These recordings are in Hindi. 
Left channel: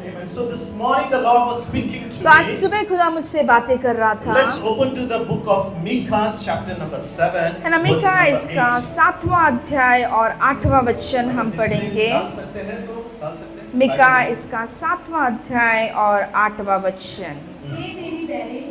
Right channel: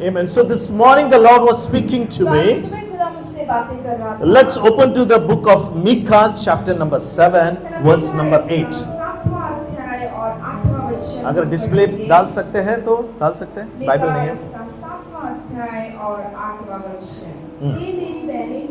Amen. So this morning the Lord was speaking to तो आज me. सुबह खुदा मुझसे बातें कर रहा था। Let's open to the book of Micah, chapter number 7, है ना, verse मीका number इसका 8. 7वां अध्याय और 8वां वचन अगर हम डिस्प्ले पढ़ेंगे। डाल सकते हैं तो डाल सकते हैं। मीका बाइबल नहीं है। इसका 7वां अध्याय और 8वां वचन। हे मेरी बहन,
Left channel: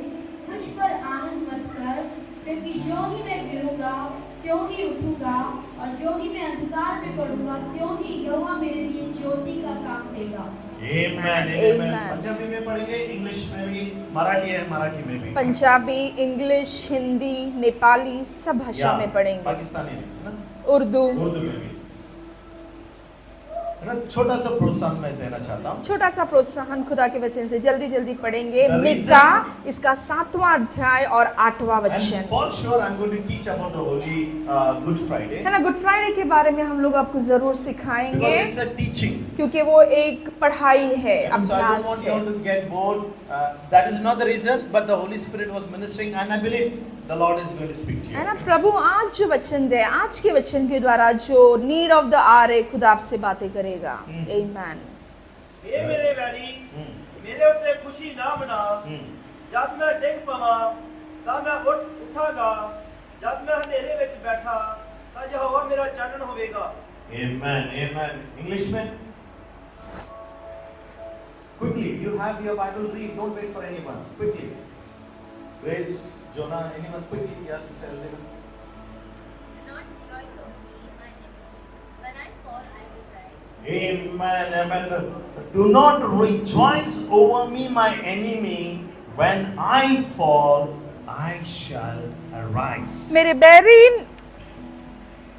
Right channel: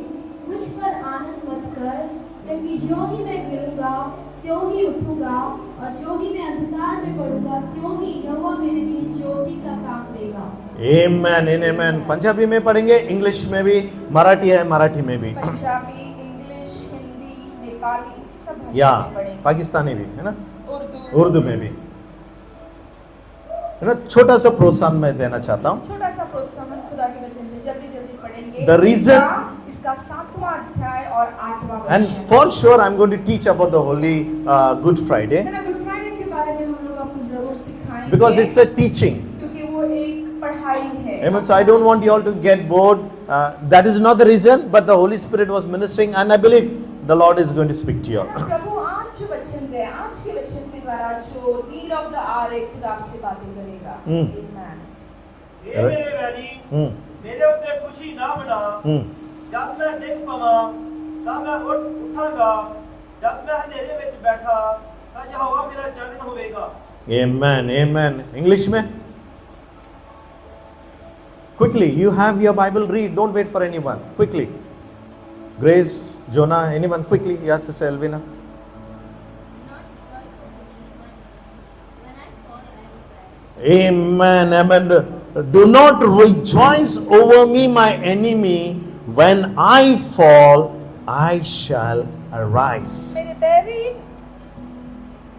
मुझ पर आनंद मत कर, क्योंकि जो ही मैं गिरूंगा त्यों ही उठूंगा, और जो ही मैं अंधकार में पड़ूंगा त्यों ही यहोवा मेरे लिए ज्योति का काम देगा। Amen, amen. पंजाबी में पढ़ेंगे, इंग्लिश में भी, मराठी है मराठी में भी, पंजाबी, इंग्लिश, हिंदी, नेपाली सब या भाषा में पढ़ेंगे। पाकिस्तानी भी है ना, उर्दू में भी है ना। छोटा सा प्रोत्साहन मैं देना चाहता हूँ। छोटा सा प्रोत्साहन खुदा के वचन से जल्दी जल्दी पढ़ेंगे। The reason- मीका इसका 7वां अध्याय और 8वां And वचन। for sure I'm going to teach about the Holy Good Friday है ना, गुड फ्राइडे के बारे में हम लोग आपको जरूर सिखाएंगे, because it's a teaching. क्योंकि वो एक पढ़ाई है। Amen. So I don't want you all to get bored. That is not the reason, but the Holy Spirit was ministering, and I believe the Lord is going to speak to you. है ना, प्रभु आज जो वचन दे, आज के वचन के द्वारा जो नीड ऑफ द आवर है, खुदा आपसे बातें करेगा। आमीन। हे मेरे वैरी, मेरे उत्ते खुशी ना मना, जब मैं डिग पवां तां मैं उठांगा, जब मैं अंधेरे विच बैठा तां यहोवा मेरा चानन होवेगा। Amen. Amen. English में? Quickly, you have your Bible, read. Don't wait for anyone. Quickly. Grace, Jonah, anyone? Quickly. Yes, Sister Elvina. Do not rejoice over me, my enemy. When I fall, I will cry. Amen. Amen. Do not rejoice over me, my enemy. When I fall, I shall arise.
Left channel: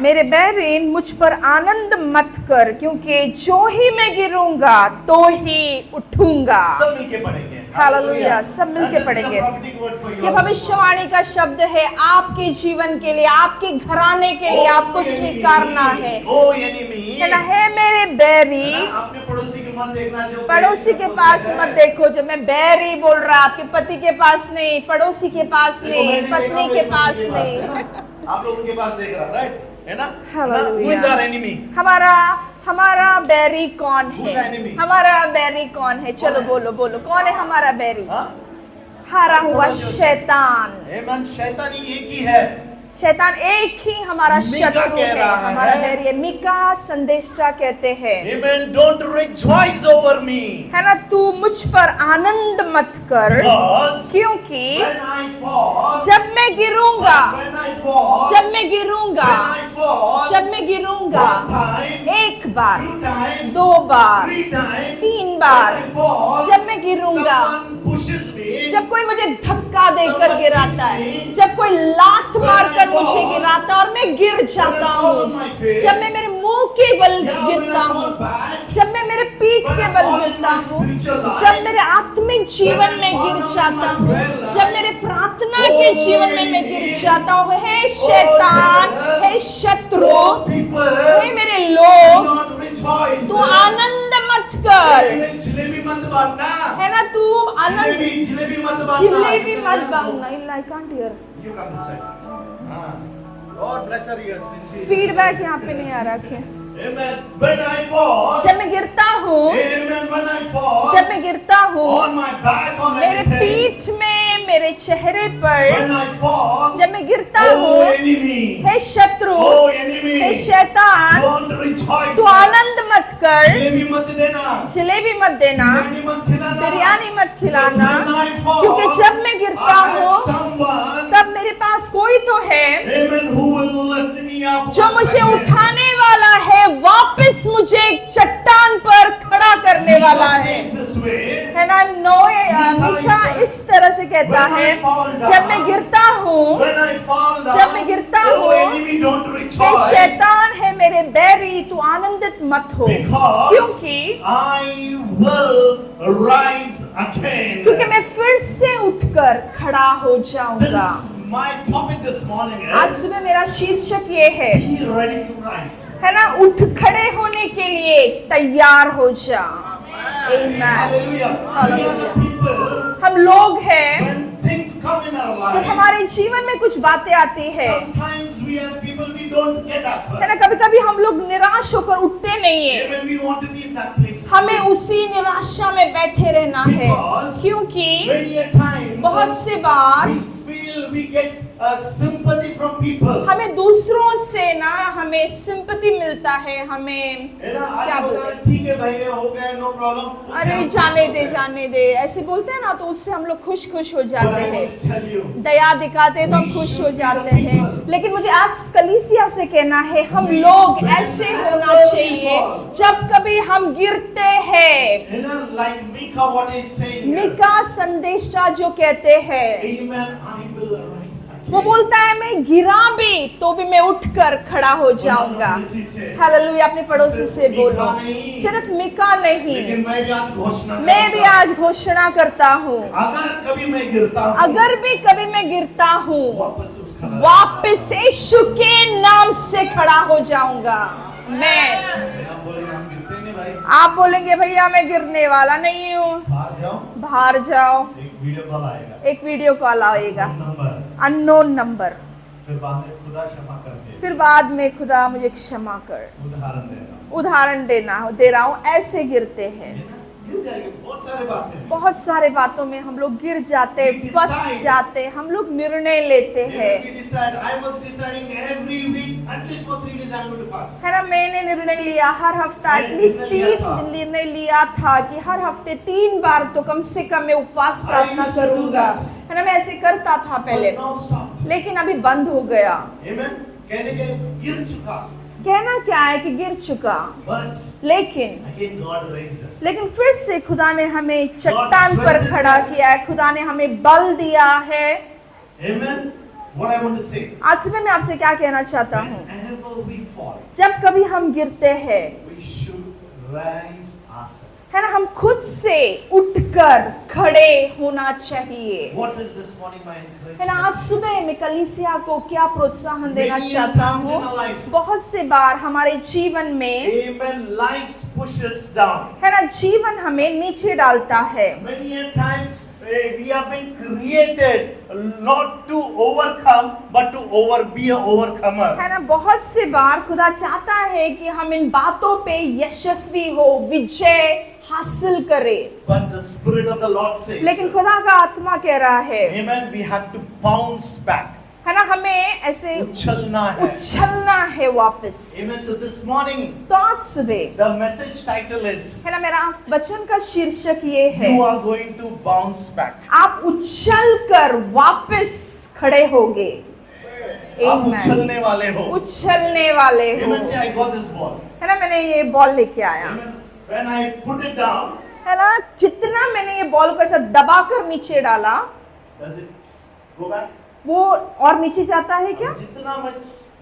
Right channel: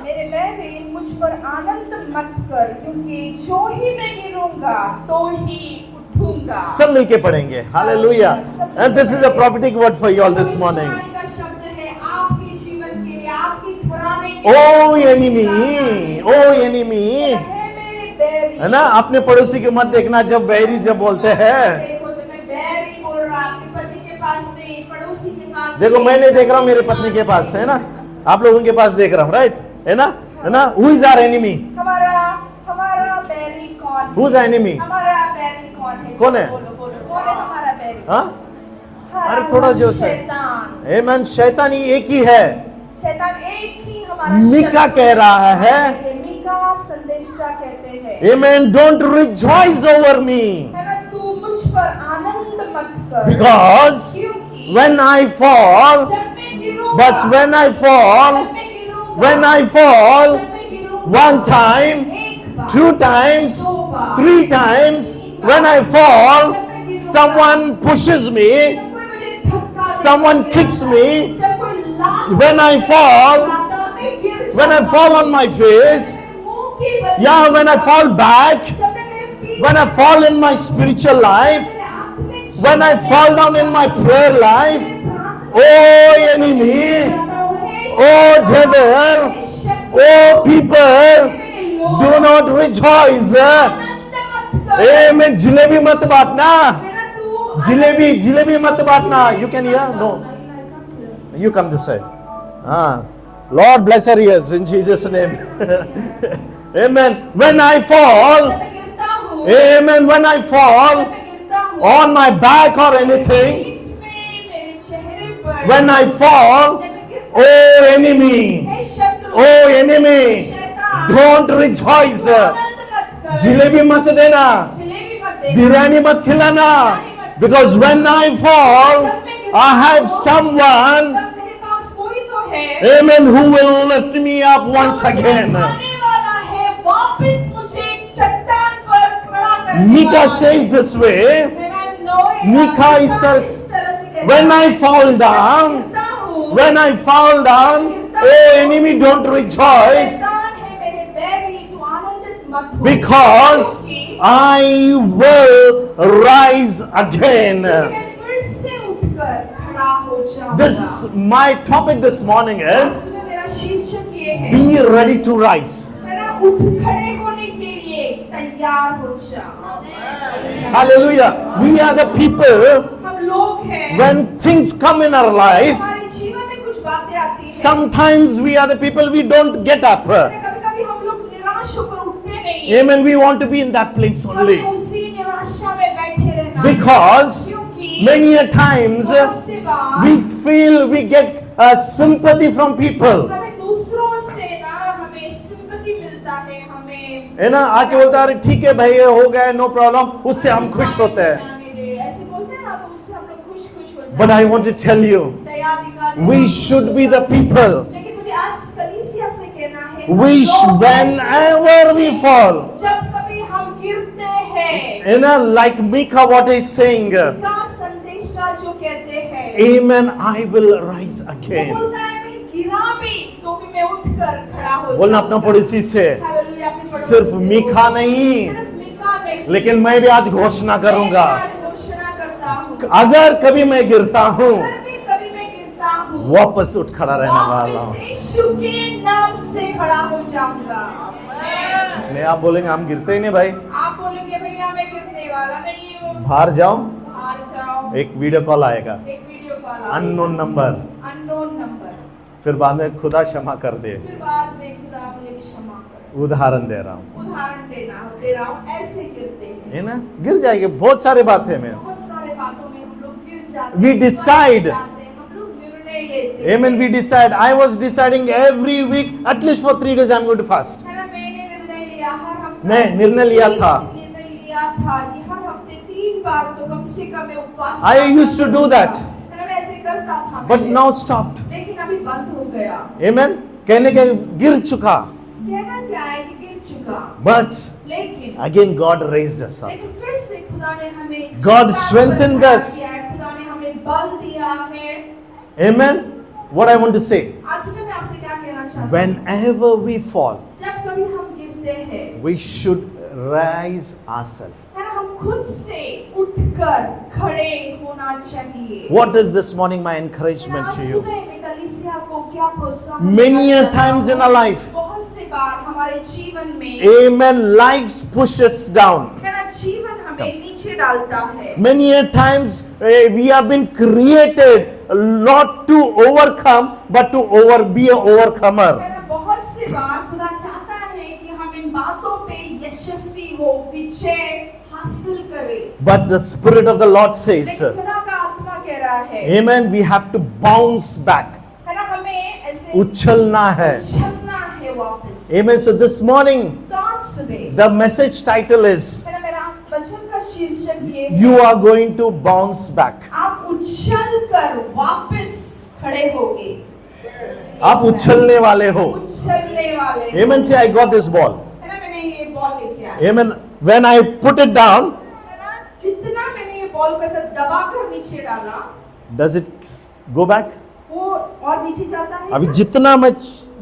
मेरे बैरीन मुझ पर आनंद मत कर, क्योंकि जो ही मैं गिरूंगा तो ही उठूंगा। सब मिलके पढ़ेंगे। Hallelujah. सब मिलके And this is a पढ़ेंगे। prophetic word for you all this morning. भविष्यवाणी का शब्द है आपके जीवन के लिए, आपके घराने के लिए। Oh आपको enemy, स्वीकारना है। oh enemy. है ना, हे मेरे बैरी, है ना, अपने पड़ोसी को मत देखना जब बैरी पड़ोसी से के बोलते पास मत हैं। देखो, जब मैं बैरी बोल रहा, आपके पति के पास नहीं, पड़ोसी के पास देखो नहीं, मैं नहीं देख रहा हूँ, मेरे पत्नी पत्नी के पास नहीं। है ना, आप लोगों के पास देख रहा हूँ, राइट? है ना? Who is our enemy? हमारा बैरी कौन है? Who's our enemy? हमारा बैरी कौन है? कौन चलो है? बोलो बोलो, कौन है हमारा बैरी? हाँ? हारा अरे थोड़ा हुआ जोर से। शैतान। Amen. शैतान ही एक ही है। शैतान एक ही हमारा मीका शत्रु कह रहा है। हमारा बैरी है। मीका संदेशा कहते हैं, Amen. Don't rejoice over me. है ना, तू मुझ पर आनंद मत कर, Because क्योंकि when I fall, जब मैं गिरूंगा, but when I fall, जब मैं गिरूंगा, when I fall, जब मैं गिरूंगा, one time, एक बार, 2 times, दो बार, 3 times, 3 bar, when I fall, जब मैं गिरूंगा, someone pushes me, जब कोई मुझे धक्का देकर Someone गिराता kicks है, me. जब कोई लात When मार I कर fall, मुझे गिराता और मैं गिर जाता when I fall on my जब मैं face, मेरे मुंह के बल yeah, when I गिरता fall हूँ, back, जब मैं मेरे पीठ when के I बल fall in my गिरता हूँ, spiritual जब life, मेरे आत्मिक जीवन when I में fall गिर down in my जाता हूँ, prayer जब life, मेरे प्रार्थना oh के जीवन में enemy, मैं गिर जाता हूँ, हे oh शैतान, devil, हे शत्रु, oh हे people, मेरे do लोग, not rejoice. तू आनंद मत कर, Amen. जिलेबी मत बांटना, है ना, तू जिलेबी मत बांटना. You जिलेबी can मत hear? No. बांटना, I can't hear. You come this side. Lord bless her ears in Jesus' Feedback name. यहाँ पे नहीं आ रहा। Amen. When I fall, जब मैं गिरता हूँ, amen. When I fall जब मैं गिरता हूँ, on my back or मेरे anything, पीठ में, मेरे चेहरे पर, when I fall, जब मैं गिरता oh हूँ, enemy, हे शत्रु, oh हे enemy, शैतान, don't rejoice. तू आनंद मत कर, जिलेबी मत देना, जलेबी मत देना, बिरयानी मत खिलाना, बिरयानी मत because खिलाना, when I fall, जब मैं गिरता I have हूँ, someone, तब मेरे पास कोई तो है amen, who will lift me up जो once मुझे again. उठाने वाला है, वापस मुझे एक चट्टान पर खड़ा करने वाला Micah है। says this way, And I know it. Mika इस तरह से कहता when I है, fall जब down, मैं गिरता हूँ, when I fall down, गिरता oh हूँ, enemy, don't rejoice, शैतान है मेरे बैरी, तू आनंदित मत हो, because क्योंकि I will rise again. मैं फिर से उठकर खड़ा हो जाऊंगा। This my topic this morning आज is सुबह मेरा शीर्षक ये है, be ready to rise. है ना, उठ खड़े होने के लिए तैयार हो जाओ। Amen. Hallelujah. We are the people, हम लोग हैं, when things come in our life, हमारे जीवन में कुछ बातें आती हैं, sometimes we are the people, we don't get up. है ना, कभी-कभी हम लोग निराश निराश होकर उठते नहीं है। Amen. We want to be in that place हमें only. उसी निराशा में बैठे रहना Because है, क्योंकि many a times बहुत से बार we feel we get sympathy from people. हमें दूसरों से ना हमें सिंपैथी मिलता है, हमें है ना, आके बोलता है अरे ठीक है भाई ये हो गया नो प्रॉब्लम, उससे अरे हम खुश होते हैं. जाने दे ऐसे बोलते हैं ना, तो उससे हम लोग खुश हो जाते But I हैं, want to tell you, दया दिखाते हैं, we तो हम खुश should हो be the जाते हैं। people. लेकिन मुझे आज कलीसिया से कहना है, हम We लोग should- ऐसे होना whenever we चाहिए। fall. जब कभी हम गिरते हैं, you know, like Micah what is saying, Mika संदेशा जो कहते हैं, Amen, I will rise वो again. बोलता है मैं गिरा भी तो भी मैं उठकर खड़ा हो बोलना अपना जाऊंगा। पड़ोसी से, हालेलुया, अपने पड़ोसी सिर्फ से मीका बोलो। नहीं, सिर्फ मीका नहीं, लेकिन मैं भी आज घोषणा मैं भी करूंगा, आज घोषणा करता हूँ, अगर कभी मैं गिरता हूँ अगर भी कभी मैं गिरता हूँ, वापस उठ खड़ा रहने वाला वापस हूँ. यीशु के नाम से खड़ा हो जाऊंगा। मैं आप बोलेंगे हम गिरते ही नहीं भाई, आप बोलेंगे भैया मैं गिरने वाला नहीं हूँ, बाहर जाओ, बाहर जाओ, एक वीडियो कॉल आएगा, एक वीडियो कॉल आएगा, अननोन नंबर, अननोन नंबर, फिर बाद में खुदा क्षमा कर दे. फिर बाद में खुदा मुझे क्षमा कर। उदाहरण दे रहा हूँ, उदाहरण दे रहा हूँ, ऐसे गिरते हैं, है ना, गिर जाएंगे बहुत सारे बातें में. बहुत सारे बातों में हम लोग गिर जाते We हैं, फंस decide. जाते हैं, हम लोग निर्णय लेते Amen. हैं। We decide. I was deciding every week, at least for 3 days, I'm going to fast. है ना, मैंने निर्णय लिया हर हफ्ता, मैं निर्णय लिया था। निर्णय लिया था कि हर हफ्ते 3 बार तो कम से कम मैं उपवास I used to do करूंगा। that. है ना, मैं ऐसे करता था But पहले, now stopped. लेकिन अभी बंद हो गया। Amen. कहने के गिर चुका. कहना क्या है कि गिर चुका, But लेकिन again, God raised us up. लेकिन फिर से खुदा ने हमें God चट्टान पर strengthened खड़ा us. किया है, खुदा ने हमें बल दिया है। Amen. What I want to say, आज सुबह मैं आपसे क्या कहना चाहता हूँ, whenever we fall, जब कभी हम गिरते हैं, we should rise ourselves. है ना, हम खुद से उठकर खड़े होना चाहिए। What is this morning my है ना, encouragement आज to you? सुबह में कलीसिया को क्या प्रोत्साहन Many देना a चाहता times हूँ? in our life. बहुत से बार हमारे जीवन में, Amen. Life pushes down. है ना, जीवन हमें नीचे डालता है। Many a times we have been created not to overcome, but to be an overcomer. है ना, बहुत से बार खुदा चाहता है कि हम इन बातों पे यशस्वी हो, विजय हासिल करें। But the Spirit of the Lord says, लेकिन खुदा का आत्मा कह रहा है, Amen, we have to bounce back. है ना, हमें ऐसे उछलना है. उछलना है वापस। Amen. So this morning, तो आज सुबह, the message title is, है ना, मेरा वचन का शीर्षक ये है, You are going to bounce back. आप उछल कर वापस खड़े होगे। आप Amen. उछलने वाले हो. उछलने वाले हो। Amen. Say, I got this ball. है ना, मैंने ये बॉल लेके आया। Amen. When I put it down, है ना, जितना मैंने ये बॉल को ऐसा दबाकर नीचे डाला, does it go back? वो और नीचे जाता है अभी क्या? जितना मैं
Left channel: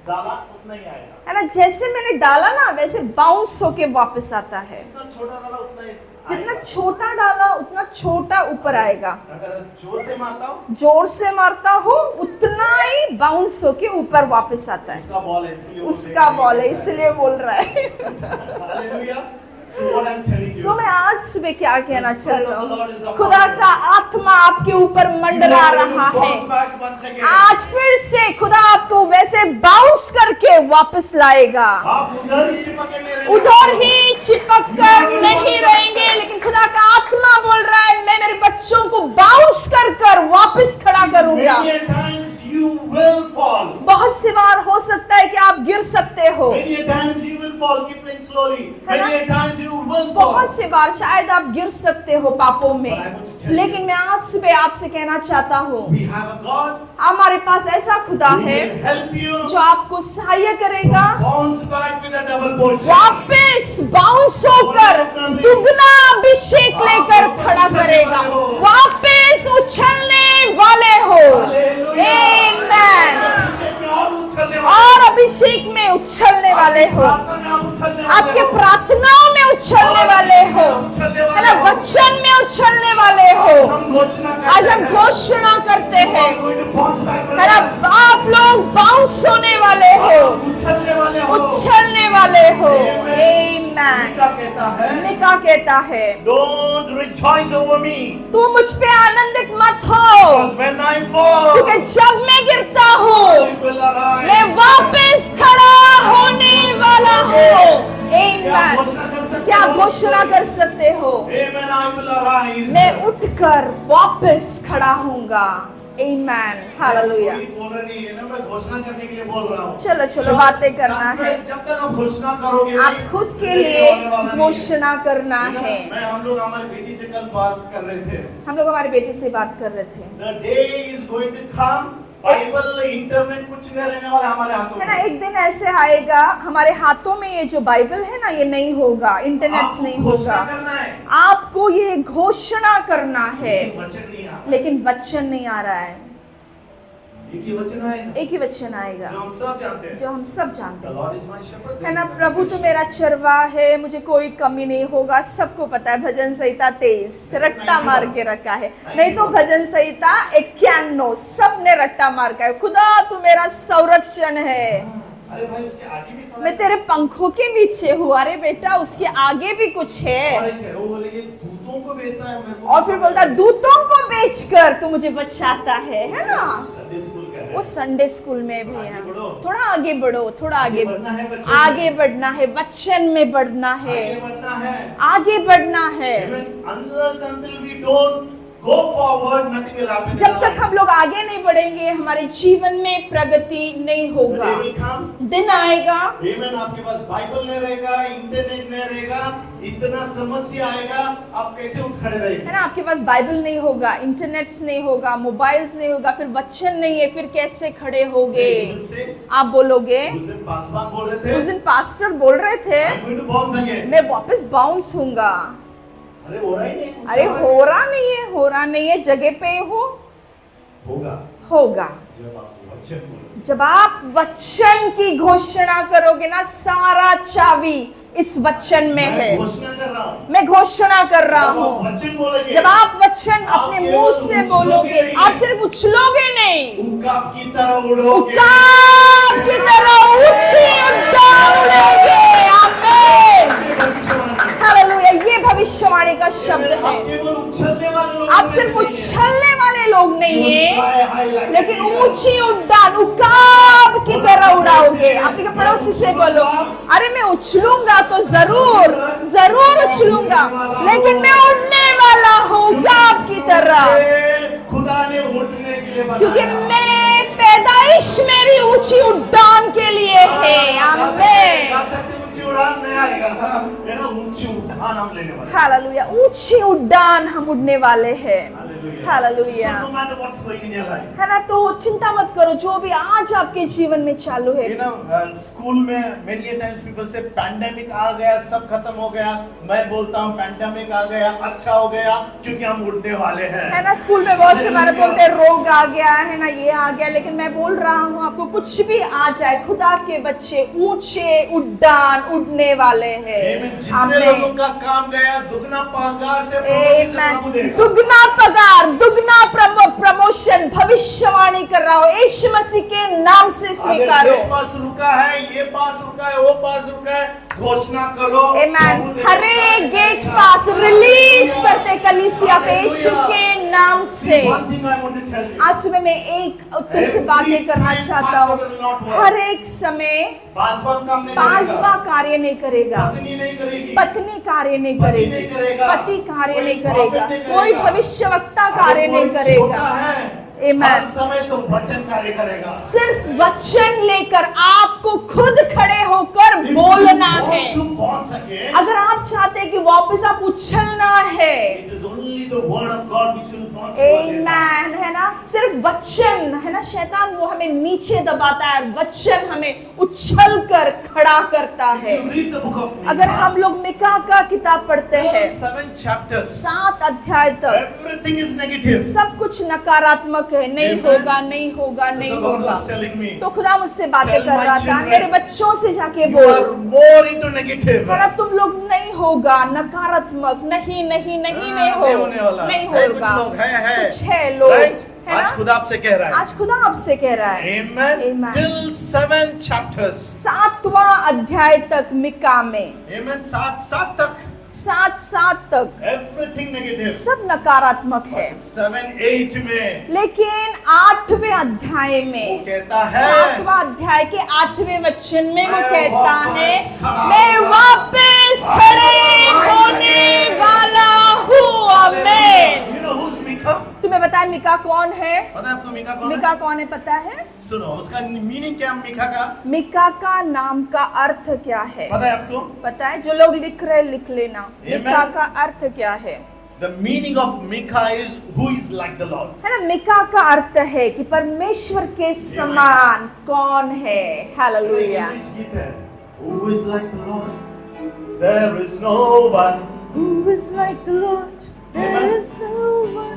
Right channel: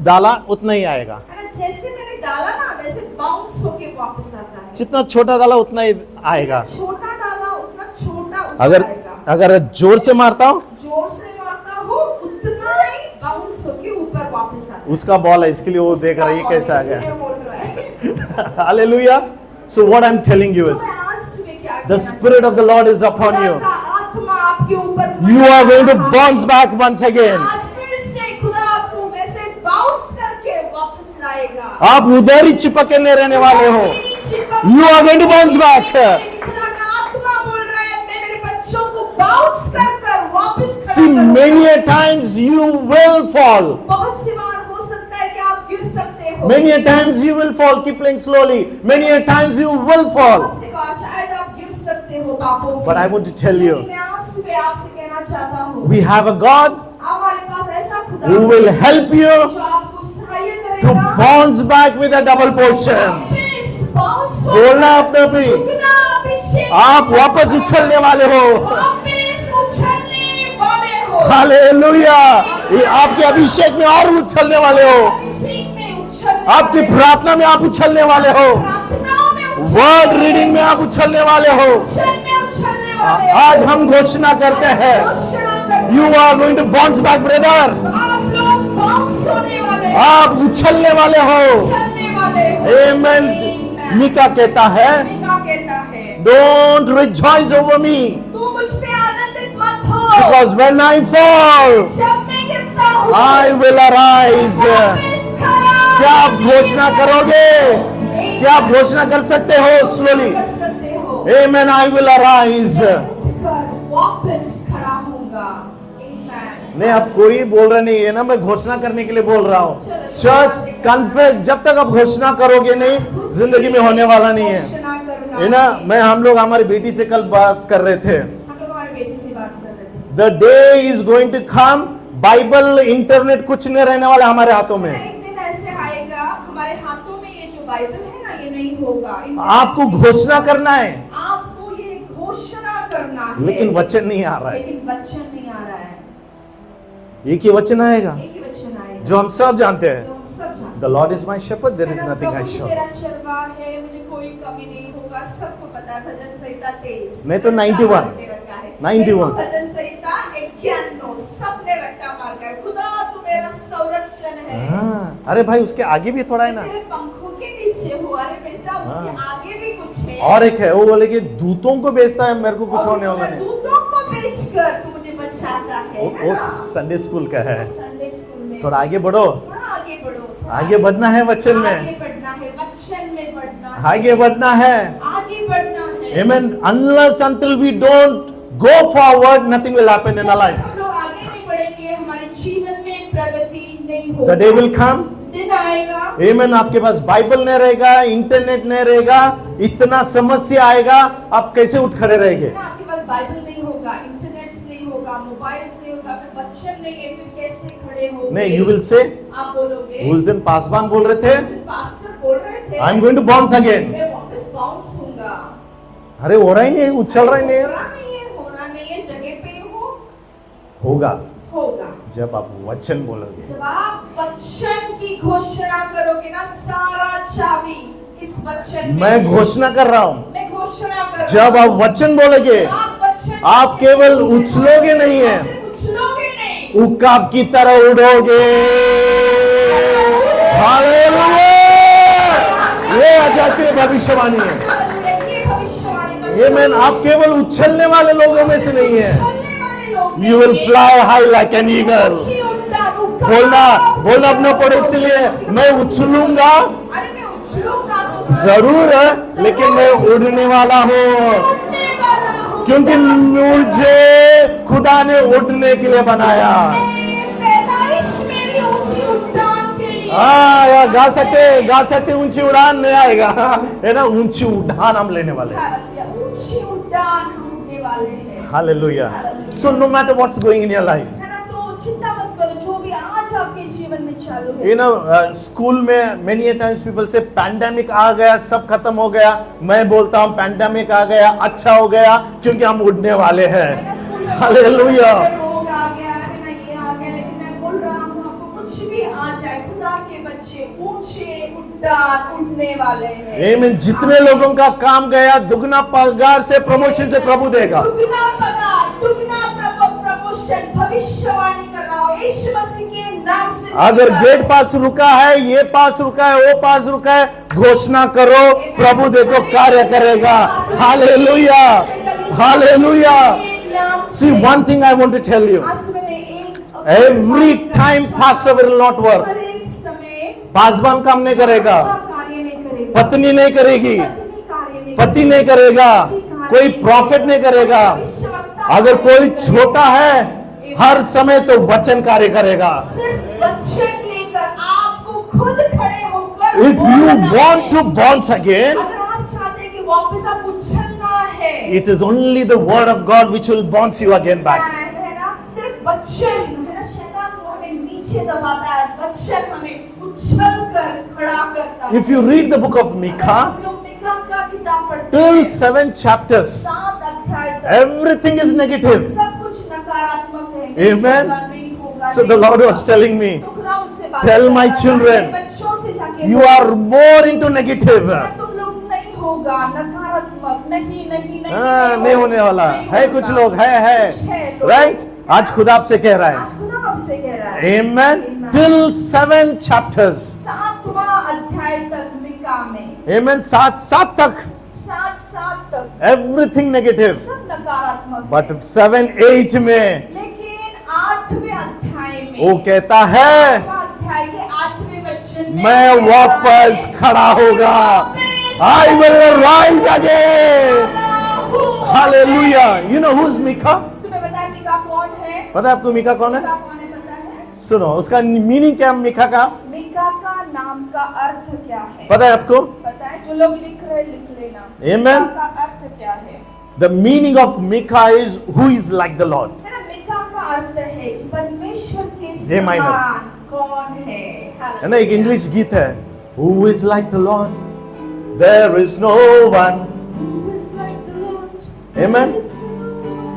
डाला उतना ही आएगा. है ना, जैसे मैंने डाला ना वैसे बाउंस होके वापस आता है। जितना छोटा डाला उतना ही आएगा. जितना छोटा डाला उतना छोटा ऊपर अगर आएगा। अगर जोर से मारता हूँ, जोर से मारता हो उतना ही बाउंस होके ऊपर वापस आता है। उसका बॉल है इसके लिए वो देख रहा है ये उसका कैसे आ बॉल है, इसलिए गया. बोल रहा है। Hallelujah. So what I'm telling you तो is, मैं आज सुबह क्या the कहना Spirit चाहता of the हूँ? Lord is upon खुदा you. का आत्मा आपके ऊपर You मंडरा are going to रहा bounce है। back once again. आज फिर से खुदा आपको वैसे बाउंस करके वापस लाएगा। आप उधर ही चिपके नहीं रहने वाले उधर हो. ही चिपक You are going to कर bounce नहीं back. रहेंगे, लेकिन खुदा का आत्मा बोल रहा है मैं मेरे बच्चों को बाउंस कर कर वापस खड़ा See, many करूंगा। a times you will fall. बहुत सी बार हो सकता है कि आप गिर सकते हो। Many a times you will fall. Keep playing slowly. Many a times you will fall. बहुत से बार शायद आप गिर सकते हो पापों में। But I want to tell you, लेकिन मैं आज सुबह आपसे कहना चाहता हूँ, We have a God हमारे पास ऐसा खुदा who will है help you जो आपको सहाय to करेगा bounce back with a double portion. वापस बाउंस बोलना होकर अपने भी। दुगना अभिषेक आप लेकर वापस खड़ा उछलने करेगा। वाले हो। वापस उछलने वाले हो। Hallelujah. Amen. ये आपके अभिषेक में और उछलने वाले और हो. अभिषेक में उछलने आपकी वाले हो। प्रार्थना में आप उछलने वाले आपकी हो. प्रार्थनाओं में उछलने वर्ड वाले रीडिंग में हो। आप उछलने वाले हो. वचन में उछलने वाले हो। आज हम घोषणा आज करते हम हैं, घोषणा करते You हैं, are going to bounce back, brother. आप लोग बाउंस होने वाले हो, आप उछलने वाले हो. उछलने वाले हो। Amen. Amen. Amen. मीका कहता है, मीका कहता है, don't rejoice over me, तू मुझ पे आनंदित मत हो, because when I fall, जब मैं गिरता हूँ I will मैं arise. वापस खड़ा क्या आप होने घोषणा वाला करोगे? हूँ। Amen. क्या आप घोषणा कर सकते क्या हो? घोषणा slowly? कर सकते हो? Amen, I will arise. मैं उठकर वापस खड़ा होऊंगा। Amen. मैं अब Hallelujah. कोई बोल रहा नहीं है ना, मैं घोषणा करने के लिए बोल रहा हूँ। चलो, चलो, चर्च बातें करना कन्फेस, है। जब तक आप घोषणा करोगे आप नहीं, खुद के जिंदगी में लिए होने वाला नहीं है, घोषणा करना है ना। है। हम लोग हमारी बेटी से कल बात कर रहे थे, हम लोग हमारे बेटे से बात कर रहे थे। The day is going to come, Bible internet कुछ नहीं रहने वाला हमारे हाथों है ना, में। एक दिन ऐसे आएगा हमारे हाथों में ये जो बाइबल है ना, ये नहीं होगा, इंटरनेट आपको नहीं घोषणा होगा। करना है, आपको ये घोषणा करना है, लेकिन वचन नहीं आ रहा है। लेकिन वचन नहीं आ रहा है। एक ही वचन आएगा एक ही वचन आएगा जो हम सब जानते जो हैं, हम सब जानते the Lord is my shepherd, there हैं। इज है ना, नथिंग प्रभु आई तो शॉल। मेरा चरवाह है, मुझे कोई कमी नहीं होगा। सबको पता है भजन संहिता 23 मैं तो रट्टा 91 मार के रखा है। 91 नहीं तो भजन संहिता 51 सबने रट्टा मार का है। खुदा तू मेरा संरक्षण है, हाँ, अरे भाई उसके आगे भी थोड़ा है मैं ना, तेरे पंखों के नीचे हूँ। अरे बेटा उसके आगे भी कुछ है। और एक है, वो बोले कि दूतों को बेचता है, मेरे को और कुछ फिर होने बोलता वाला नहीं। दूतों को बेचकर तू मुझे बचाता है वो ना। संडे स्कूल का है। वो संडे स्कूल में थोड़ा आगे बढ़ो, थोड़ा आगे बढ़ो, थोड़ा आगे बढ़ना है वचन में। आगे बढ़ना है, वचन में बढ़ना है, आगे बढ़ना है। आगे बढ़ना है। Amen. Unless until we don't go forward, nothing will happen in जब our तक life. हम लोग आगे नहीं बढ़ेंगे, हमारे जीवन में प्रगति नहीं The होगा। day will come. दिन आएगा, Amen. आपके पास बाइबल नहीं रहेगा, इंटरनेट नहीं रहेगा, इतना समस्या आएगा, आप कैसे उठ खड़े रहेंगे? है ना, आपके पास बाइबल नहीं होगा, इंटरनेट नहीं होगा, मोबाइल्स नहीं होगा, फिर वचन नहीं है, फिर कैसे खड़े होगे? नहीं, you will say, आप बोलोगे, उस दिन पासवान बोल रहे उस थे, दिन पास्टर बोल रहे थे, I am going to bounce again. मैं वापस बाउंस होऊंगा। अरे हो रहा ही नहीं, उछल अरे रहा ही हो नहीं। रहा नहीं है, हो रहा नहीं है, जगह पे हो, होगा होगा। जब आप वचन बोलोगे। जब आप वचन की घोषणा करोगे ना, सारा चाबी इस वचन में मैं है। घोषणा कर रहा हूँ, मैं घोषणा कर रहा जब आप हूँ। वचन बोलोगे, जब आप वचन आप अपने केवल मुंह से उछलोगे बोलोगे, नहीं आप है। सिर्फ उछलोगे नहीं, उकाब की तरह उड़ोगे। की तरह ये आजाद की भविष्यवाणी है। हालेलुया, ये भविष्यवाणी का ये शब्द मैं है। आप केवल उछलने वाले लोगों आप में से सिर्फ नहीं है। उछलने वाले लोग नहीं You will हैं। fly high like an लेकिन eagle. ऊंची उड़ान, उकाब बोलना की बोलना तरह अपने पड़ोसी उड़ाओगे। से, अपने मैं पड़ोसी से उछलूंगा। बोलो, अरे मैं उछलूंगा तो जरूर है, जरूर लेकिन मैं उछलूंगा। उड़ने वाला हूँ। लेकिन मैं उड़ने वाला हूँ, क्योंकि उकाब की तरह। मुझे खुदा ने उड़ने के लिए बनाया। मैं पैदाइश मेरी ऊंची उड़ान के लिए है। यार गा आमीन। सकते ऊंची उड़ान नहीं आएगा, है ना, ऊंची उड़ान हम लेने वाले हैं। हालेलुया, ऊंची उड़ान हम उड़ने वाले हैं। Hallelujah. Hallelujah. So no matter what's going in your life, है ना, तो चिंता मत करो, जो भी आज आपके जीवन में चालू है। you know, स्कूल में many a times people say pandemic आ गया, सब खत्म हो गया। मैं बोलता हूँ pandemic आ गया, अच्छा हो गया, क्योंकि हम उड़ने वाले हैं। है ना, स्कूल में बहुत सारे Hallelujah. रोग आ गया है ना, ये आ गया, लेकिन मैं बोल रहा हूँ आपको, कुछ भी आ जाए, खुदा के बच्चे ऊंचे उड़ान उड़ने वाले हैं। Amen. जितने आमीन। लोगों का काम गया, दुगना पगार से प्रमोशन से प्रभु देगा। दुगना पगार, दुगना प्रमोशन, भविष्यवाणी कर रहा हूँ यीशु मसीह के नाम से। अगर स्वीकार गेट करो। पास रुका है, ये पास रुका है, वो पास रुका है, घोषणा करो, Amen. प्रभु देखो हमें कार्य गेट करेगा। पास release हालेलुया, करते कलीसिया हालेलुया। यीशु के नाम See, से। one thing I want to tell you. आज सुबह मैं एक Every time pastor will not work. हर एक समय पासवान काम नहीं करेगा, पास्ता कार्य नहीं करेगा, पत्नी नहीं करेगी, पत्नी कार्य नहीं पति नहीं करेगा, पति कार्य कोई नहीं प्रॉफिट नहीं करेगा। कोई भविष्यवक्ता अगर कार्य कोई नहीं करेगा। छोटा है, Amen. हर समय तो वचन कार्य करेगा। सिर्फ वचन लेकर आपको खुद खड़े होकर If you बोलना want है। to bounce again, अगर आप चाहते हैं कि वापस आप उछलना है, it is only the word of God which will bounce you again back. Amen, है ना, सिर्फ वचन है ना, शैतान वो हमें नीचे दबाता है, वचन हमें उछल कर खड़ा करता If है। you read the book of अगर Micah, हम लोग मिका का किताब पढ़ते till हैं 7 chapters, 7 अध्याय तक everything is negative. सब कुछ नकारात्मक है, नहीं Amen. होगा, नहीं होगा, So नहीं the Lord होगा। was telling me, तो खुदा मुझसे बातें Tell कर my रहा था, children, मेरे बच्चों से जाके you बोल, are more into negative. है ना, तुम लोग नहीं होगा नकारात्मक, नहीं नहीं नहीं नहीं होने वाला नहीं है, होगा। कुछ लोग है 6 लोग right? आज खुदा आपसे कह रहा है. आज खुदा आपसे कह रहा है. Amen. Amen. Till 7 chapters. 7वां अध्याय तक मिका में, Amen. 7 तक. 7 तक Everything negative. सब नकारात्मक But है. 7-8 में लेकिन 8वें अध्याय में, वो कहता है 7वां अध्याय के 8वें वचन में मैं वो कहता वापस है, खड़ा मैं होगा. वापस I will खड़ा rise होने again. वाला हूँ. Hallelujah. Amen. You know who's Mika? तुम्हें पता है मिका कौन है? पता है आपको मिका कौन है? मिका कौन है पता है? सुनो उसका मीनिंग क्या है मिका का? मिका का नाम का अर्थ क्या है? पता है आपको? पता है? जो लोग लिख रहे लिख लेना. Amen. मिका का अर्थ क्या है? The meaning of Mika is who is like the Lord. है ना, मिका का अर्थ है कि परमेश्वर के हे माय समान कौन है. है ना, एक हालेलुया. इंग्लिश गीत है. Who is like the Lord? There is no one. Who is like the Lord? Amen. There is no one.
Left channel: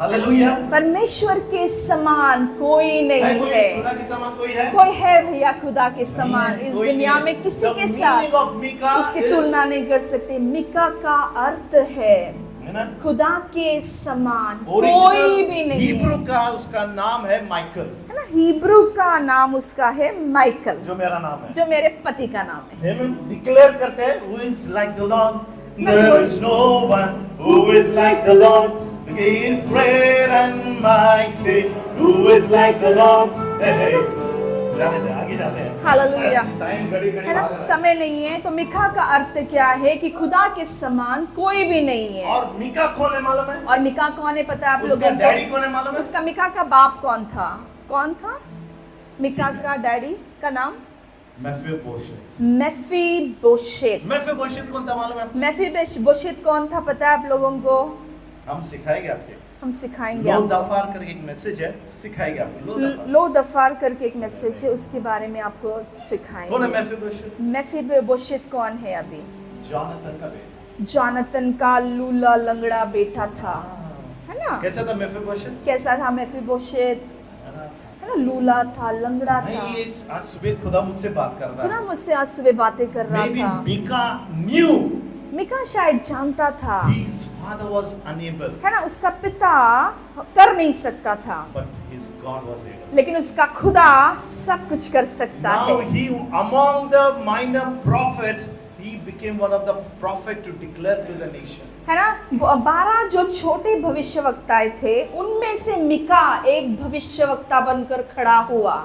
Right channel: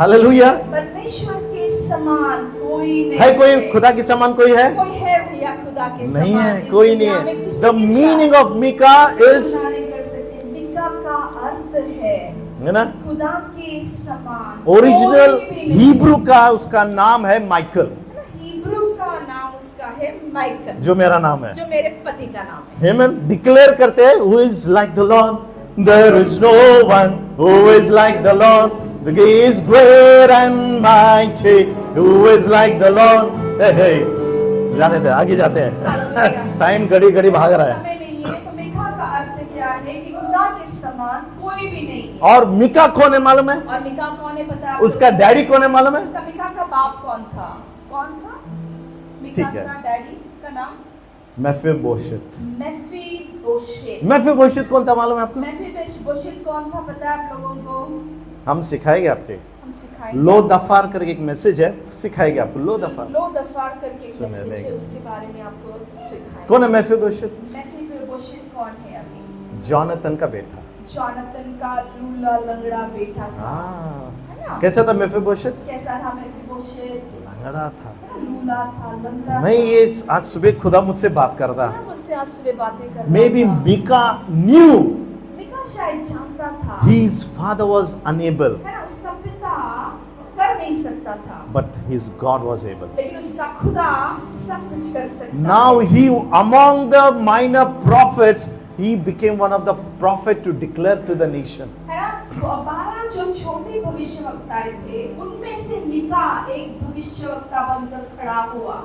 Hallelujah. परमेश्वर के समान कोई नहीं है कोई है. खुदा के समान कोई है? कोई है भैया खुदा के नहीं समान है, इस कोई दुनिया नहीं में है. किसी The के meaning साथ of Mika इसकी is तुलना नहीं कर सकते. मिका का अर्थ है है ना, खुदा के समान ओरिजिनल कोई भी नहीं. हिब्रू का उसका नाम है माइकल, है ना, हिब्रू का नाम उसका है माइकल, जो मेरा नाम है. जो मेरे पति का नाम है. Amen. डिक्लेयर करते हैं who is like the Lord. There is no one who is like the Lord. He is great and mighty. Who is like the Lord. Hey, hey. जाने दे, आगे जाते हैं. हालेलुया. टाइम घड़ी घड़ी भाग रहा है. समय नहीं है. तो मिका का अर्थ क्या है कि खुदा के समान कोई भी नहीं है. और मिका कौन है मालूम है? और मिका कौन है पता है आप उसका लोगों को? डैडी कौन है मालूम है? उसका मिका का बाप कौन था? कौन था मिका ठीक है. का डैडी का नाम? मेफीबोशेत. मेफीबोशेत. मेफीबोशेत कौन था मालूम है आपको? मेफीबोशेत कौन था पता है आप लोगों को? हम सिखाएंगे आपके. हम सिखाएंगे. लो आपको. दफार करके एक मैसेज है, सिखाएंगे आपको. लो दफार लो दफार करके एक सुने मैसेज नहीं. है, उसके बारे में आपको सिखाएंगे. कौन है मेफीबोशेत? मेफीबोशेत कौन है? अभी जॉनथन का बेटा. जोनातन का लूला लंगड़ा बेटा था. हाँ. है ना? कैसा था मेफीबोशेत? कैसा था मेफीबोशेत? लंगड़ा था. है ना, लूला था, लंगड़ा नहीं, था. ये आज सुबह खुदा मुझसे बात कर रहा. है ना, मुझसे आज सुबह बातें कर रहा मे बी था. मिका न्यू मिका शायद जानता था. his father was unable, है ना, उसका पिता कर नहीं सकता था, but his God was able. लेकिन उसका खुदा सब कुछ कर सकता Now है. he, among the minor prophets, he became one of the prophet to declare to the nation. है ना, 12 जो छोटे भविष्यवक्ताएं थे उनमें से मिका एक भविष्यवक्ता बनकर खड़ा हुआ.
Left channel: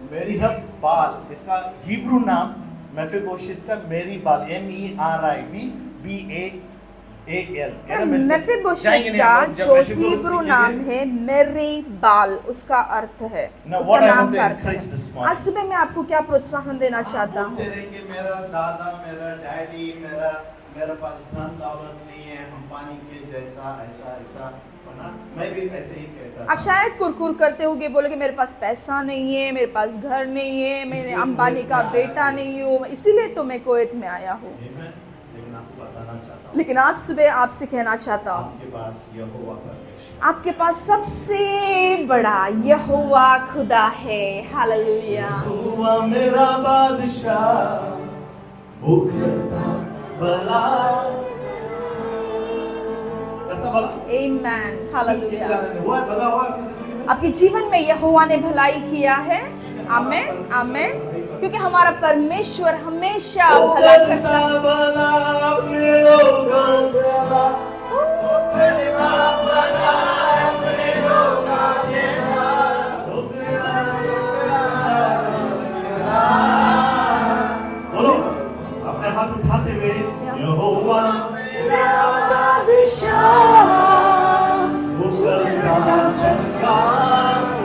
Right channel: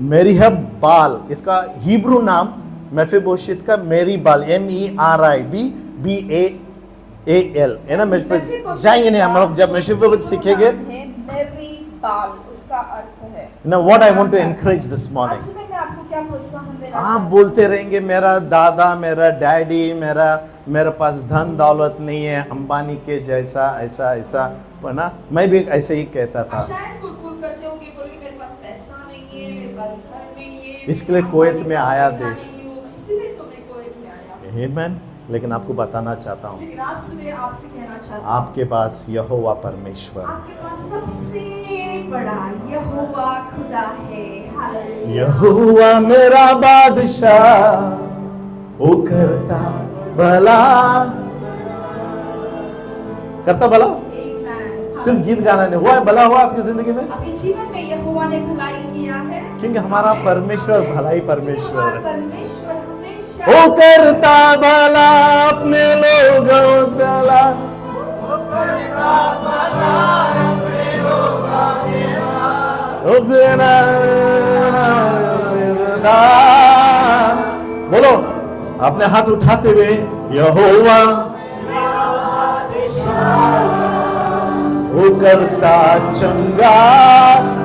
मेरीहब बाल, इसका हिब्रू नाम मेफीबोशेत का मेरी बाल, MERIBBAAL है ना. मेफीबोशेत जाएंगे नहीं हम का लोग जब जो मेफीबोशेत हिब्रू सीखेंगे. नाम है मेरी बाल, उसका अर्थ है. Now what I उसका want to नाम है. encourage this आज morning. सुबह मैं आपको क्या प्रोत्साहन देना आप चाहता हूँ. बोलते रहेंगे मेरा दादा, मेरा डैडी, मेरे पास धन दौलत नहीं है अंबानी के जैसा, ऐसा ऐसा. ना, मैं भी ऐसे ही कहता आप था. शायद कुरकुर करते होगे, बोलोगे मेरे पास पैसा नहीं है, मेरे पास घर नहीं है, इसलिए मैं अंबानी कुवैत में का आया बेटा देश. नहीं हूँ, इसीलिए तो मैं कुवैत में आया हूँ. Amen. लेकिन आपको बताना चाहता हूँ, लेकिन आज सुबह आपसे कहना चाहता हूँ, आपके पास यहोवा परमेश्वर, आपके पास सबसे बड़ा यहोवा खुदा है. हालेलुया. यहोवा मेरा बादशाह, वो करता भला. करता भला आमीन. सिर्फ गीत गाना नहीं हुआ है, भला हुआ आपकी जिंदगी में. आपके जीवन में यहोवा ने भलाई किया है. क्योंकि हमारा आमीन, परमेश्वर आमीन. भलाई क्योंकि परमेश्वर हमारा है. परमेश्वर हमेशा वो करता भला अपने लोगों का. वो तेरा बोलो अपने हाथ उठाते हुए, यहोवा वो करता चंगा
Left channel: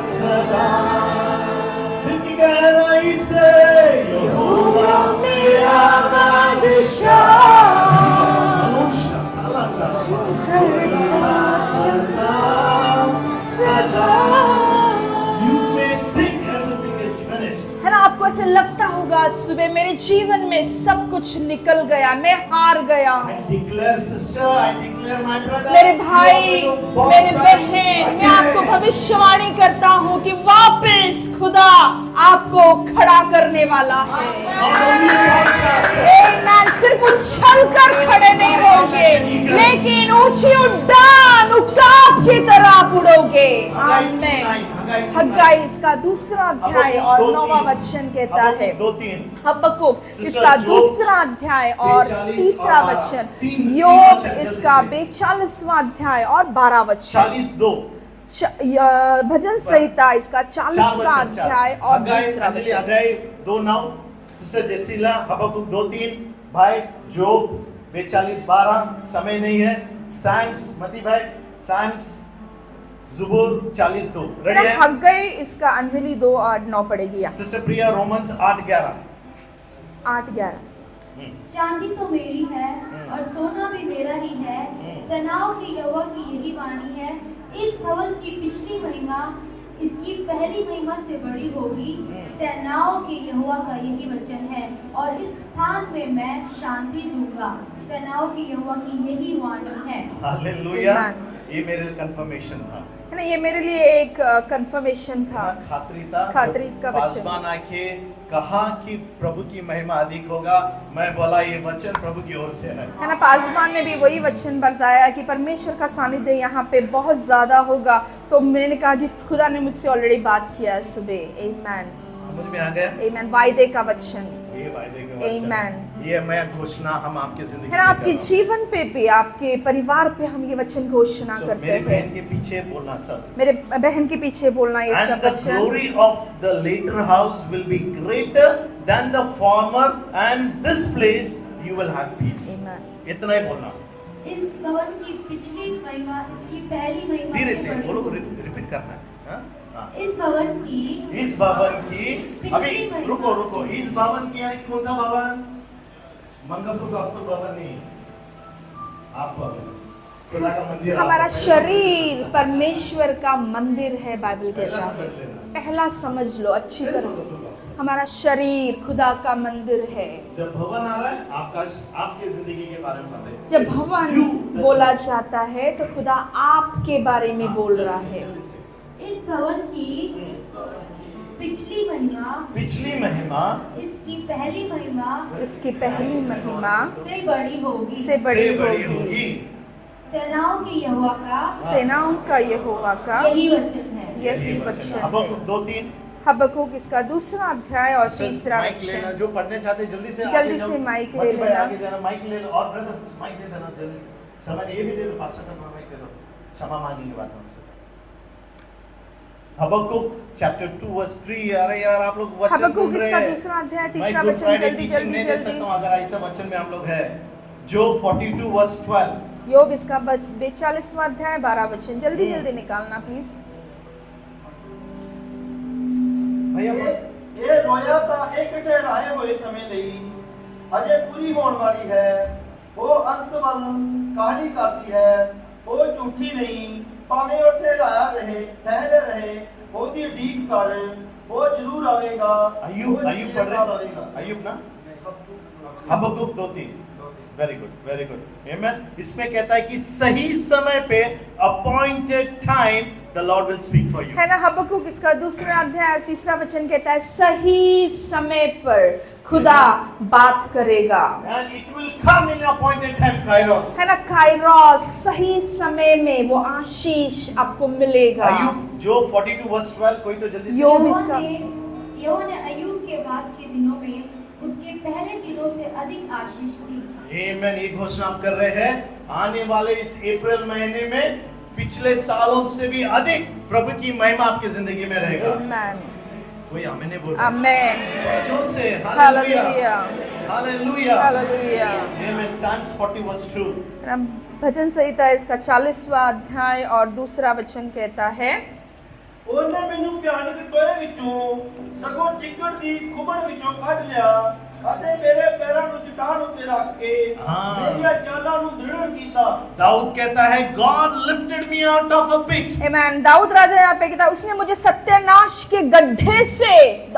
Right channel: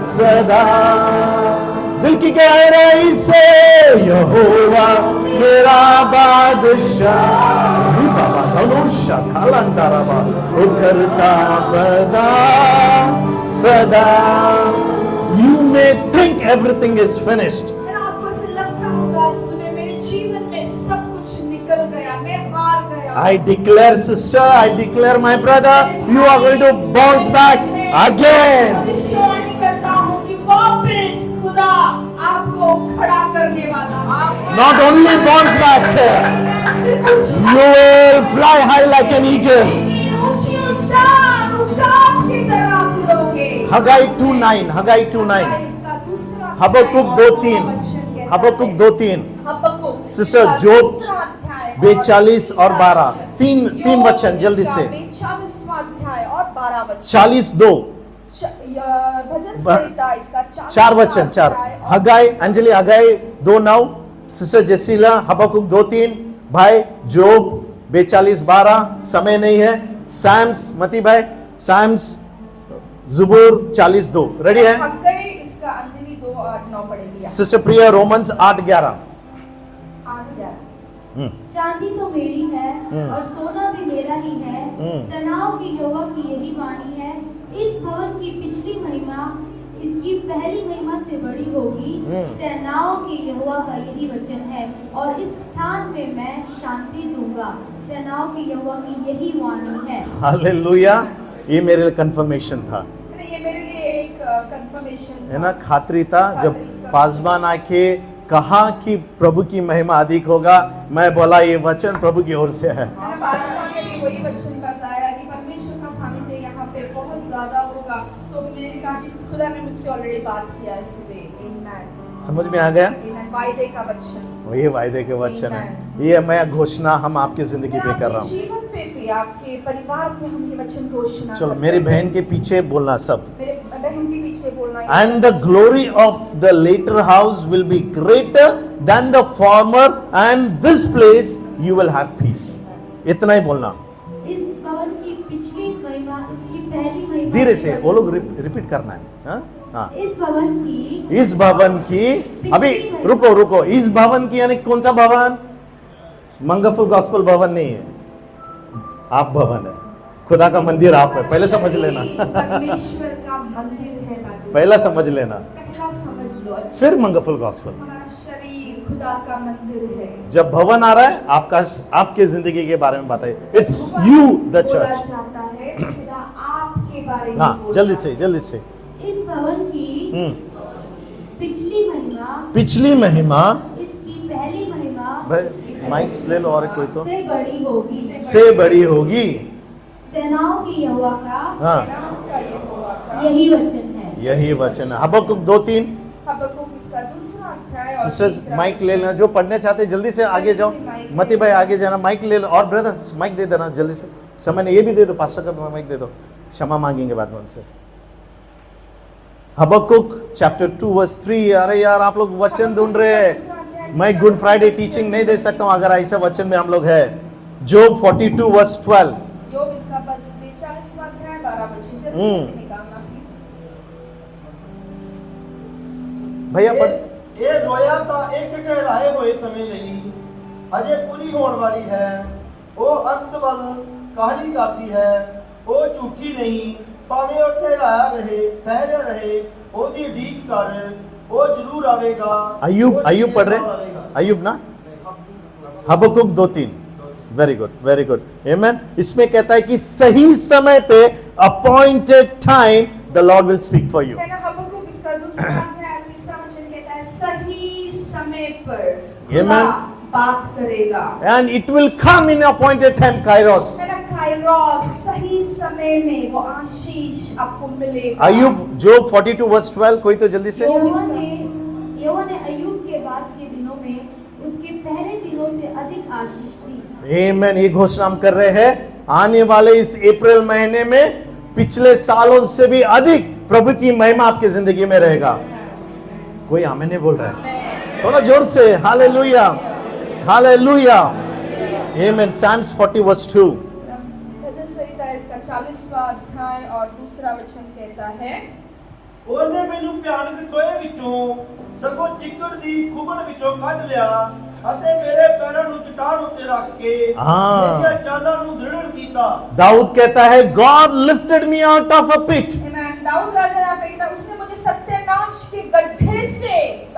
सदा. दिल की गहराई से यहोवा मेरा बादशाह, बाबा धनुषा कालांताराबा, वो करता बदा सदा. You may think everything is finished. है ना, आपको ऐसे लगता होगा सुबह मेरे जीवन में सब कुछ निकल गया, मैं हार गया. I declare, sister, I declare, my brother, मेरे you are going to bounce मेरे back बहन, मैं आपको again. भविष्यवाणी करता हूँ कि वापस खुदा आपको खड़ा करने वाला है. Not only bounce back, मैं सिर्फ You will fly high like an eagle. लेकिन ऊंची उड़ान उकाब की तरह आप उड़ोगे। हगाई आमीन। 2:9, हगाई 2:9, हगाई इसका दूसरा अध्याय हबक्कुक और 2:3, नौवां वचन कहता हबक्कुक है। 2:3, हबक्कुक सिस्टर इसका जोब दूसरा अध्याय और 42 और तीसरा 12, वचन। तीन योग वचन जल्दी इसका से। 42वां अध्याय और 12 वचन। 42, भजन संहिता इसका 40वां 4 वचन, 4 अध्याय और हगाई, तीसरा अंजलि हगाई 2:9, सिस्टर जेसिला हबक्कुक 2:3, भाई जोब 42:12, समय नहीं है। सैम्स मती भाई, सैम्स जुबूर 40:2, रेडी है? हगाई इसका अंजलि 2:8-9 पड़ेगी यहाँ। सिस्टर प्रिया रोमन्स 8:11, 8-11। चांदी तो मेरी है और सोना भी मेरा ही है। सेनाओं की यहोवा की यही वाणी है, इस भवन की पिछली महिमा इसकी पहली महिमा से बड़ी होगी। सेनाओं की यहोवा का यही वचन है, और इस स्थान में मैं शांति दूंगा। सेनाओं की यहोवा की यही वाणी है। हालेलुया। ये मेरे लिए कंफर्मेशन था, है ना, ये मेरे लिए एक कंफर्मेशन है था। ना, खातरी था। जब खातरी का पासवान आके कहा कि प्रभु की महिमा अधिक होगा, मैं बोला ये वचन प्रभु की ओर से है। है ना, पासवान ने भी वही वचन बताया कि परमेश्वर का सानिध्य यहाँ पे बहुत ज्यादा होगा। तो मैंने कहा कि खुदा ने मुझसे ऑलरेडी बात किया है सुबह। आमीन, समझ में आ गया? आमीन। वायदे का वचन ये वायदे के वचन है, Amen. ये मैं घोषणा हम आपकी जिंदगी है ना, में कर आपके रहा हूँ। जीवन पे भी, आपके परिवार पे हम ये वचन घोषणा चलो करते मेरी हैं। बहन के पीछे बोलना सब। मेरे बहन के पीछे बोलना ये And सब the वचन। glory of the later house will be greater than the former, and this place you will have peace. इतना ही बोलना, इस भवन की पिछली महिमा इसकी पहली महिमा धीरे से से बड़ी बोलो, होगी। रिपीट करना है। हाँ? हाँ। इस भवन की इस भवन की, अभी रुको रुको, इस भवन की यानी कौन सा भवन? मंगलफुल गॉस्पेल भवन नहीं है, आप भवन है, खुदा का मंदिर आप है। हमारा पहले समझ शरीर लेना, परमेश्वर का मंदिर है। बाइबल पहला में समझ लेना, पहला समझ लो अच्छे फिर से। मंगलफुल गॉस्पेल। हमारा शरीर खुदा का मंदिर है। जब भवन आ रहा है, आपका आपके जिंदगी के बारे में बताइए। जब इट्स भवन यू द बोला चर्च। जाता है तो खुदा आपके बारे में हाँ, बोल जल्दी रहा से है। जल्दी से। इस भवन की पिछली महिमा पिछली महिमा, इसकी पहली महिमा इसकी पहली माइक्स ले लो, और कोई तो से बड़ी होगी। से बड़ी होगी। सेनाओं की यहोवा का हाँ। सेनाओं का यहोवा का यही वचन है। यही वचन है। हबक्कुक 2:3। हबक्कुक इसका दूसरा अध्याय और सिस्टर्स तीसरा माइक ले लेना, वचन। जो पढ़ने चाहते हैं जल्दी से आगे से जाओ। माइक ले मती भाई लेना। आगे जाना, माइक ले लो। और ब्रदर माइक दे देना जल्दी से, समय नहीं, ये भी दे दो, पास्टर का माइक दे दो, क्षमा मांगेंगे बाद में उनसे। हबक्कुक चैप्टर 2 वर्स 3। अरे यार आप लोग वचन हबक्कुक ढूंढ रहे इसका हैं, दूसरा अध्याय, मैं तीसरा गुड वचन फ्राइडे जल्दी, टीचिंग जल्दी, नहीं दे जल्दी। सकता हूँ अगर ऐसे वचन में हम लोग है। जोब 42 वर्स 12। योग इसका 42वां अध्याय 12 वचन। जल्दी जल्दी निकालना प्लीज। भैया पढ़। ਇਹ ਰੋਇਆ ਤਾਂ ਇੱਕ ਠਹਿਰਾਏ ਹੋਏ ਸਮੇਂ ਲਈ ਹਜੇ ਪੂਰੀ ਹੋਣ ਵਾਲੀ ਹੈ। ਉਹ ਅੰਤ ਵੱਲ ਕਾਹਲੀ ਕਰਦੀ ਹੈ। ਉਹ ਝੂਠੀ ਨਹੀਂ, ਭਾਵੇਂ ਉਹ ਠਹਿਰਾਇਆ ਰਹੇ ਉਹਦੀ ਉਡੀਕ ਕਰ। ਉਹ ਜ਼ਰੂਰ ਆਵੇਗਾ। अयूब ਉਹ अयूब पढ़ जल्दी रहे आवेगा। अयूब ना, हबक्कुक 2:3। वेरी गुड वेरी गुड, आमेन। इसमें कहता है कि सही समय पे appointed time the Lord will speak for you. है ना, हबक्कुक इसका दूसरा अध्याय और तीसरा वचन कहता है सही समय पर खुदा बात करेगा। And it will come in appointed time, kairos. है ना, काइरोस, सही समय में वो आशीष आपको मिलेगा। अयूब जोब 42 वर्स 12। कोई तो जल्दी से। यहोवा ने अय्यूब के बाद के दिनों में उसके पहले दिनों से अधिक आशीष दी। आमेन। ये घोषणा हम कर रहे हैं, आने वाले इस अप्रैल महीने में पिछले सालों से भी अधिक प्रभु की महिमा आपकी जिंदगी में रहेगा। आमेन, कोई आमीन नहीं बोल रहा? आमेन। थोड़ा जोर से hallelujah hallelujah hallelujah. Amen. Psalms 40 verse 2। भजन संहिता इसका 40वां अध्याय और दूसरा वचन कहता है ਉਹਨੇ ਮੈਨੂੰ ਭਿਆਨਕ ਟੋਏ ਵਿੱਚੋਂ ਸਗੋਂ ਚਿੱਕੜ ਦੀ ਖੁਬਣ ਵਿੱਚੋਂ ਕੱਢ ਲਿਆ ਅਤੇ ਮੇਰੇ ਪੈਰਾਂ ਨੂੰ ਚਟਾਨ ਉੱਤੇ ਰੱਖ ਕੇ ਮੇਰੀਆਂ ਚਾਲਾਂ ਨੂੰ ਦ੍ਰਿੜ ਕੀਤਾ। दाऊद कहता है God lifted me out of a pit। आमेन। दाऊद राजा यहाँ पे कहता है उसने मुझे सत्यानाश के गड्ढे से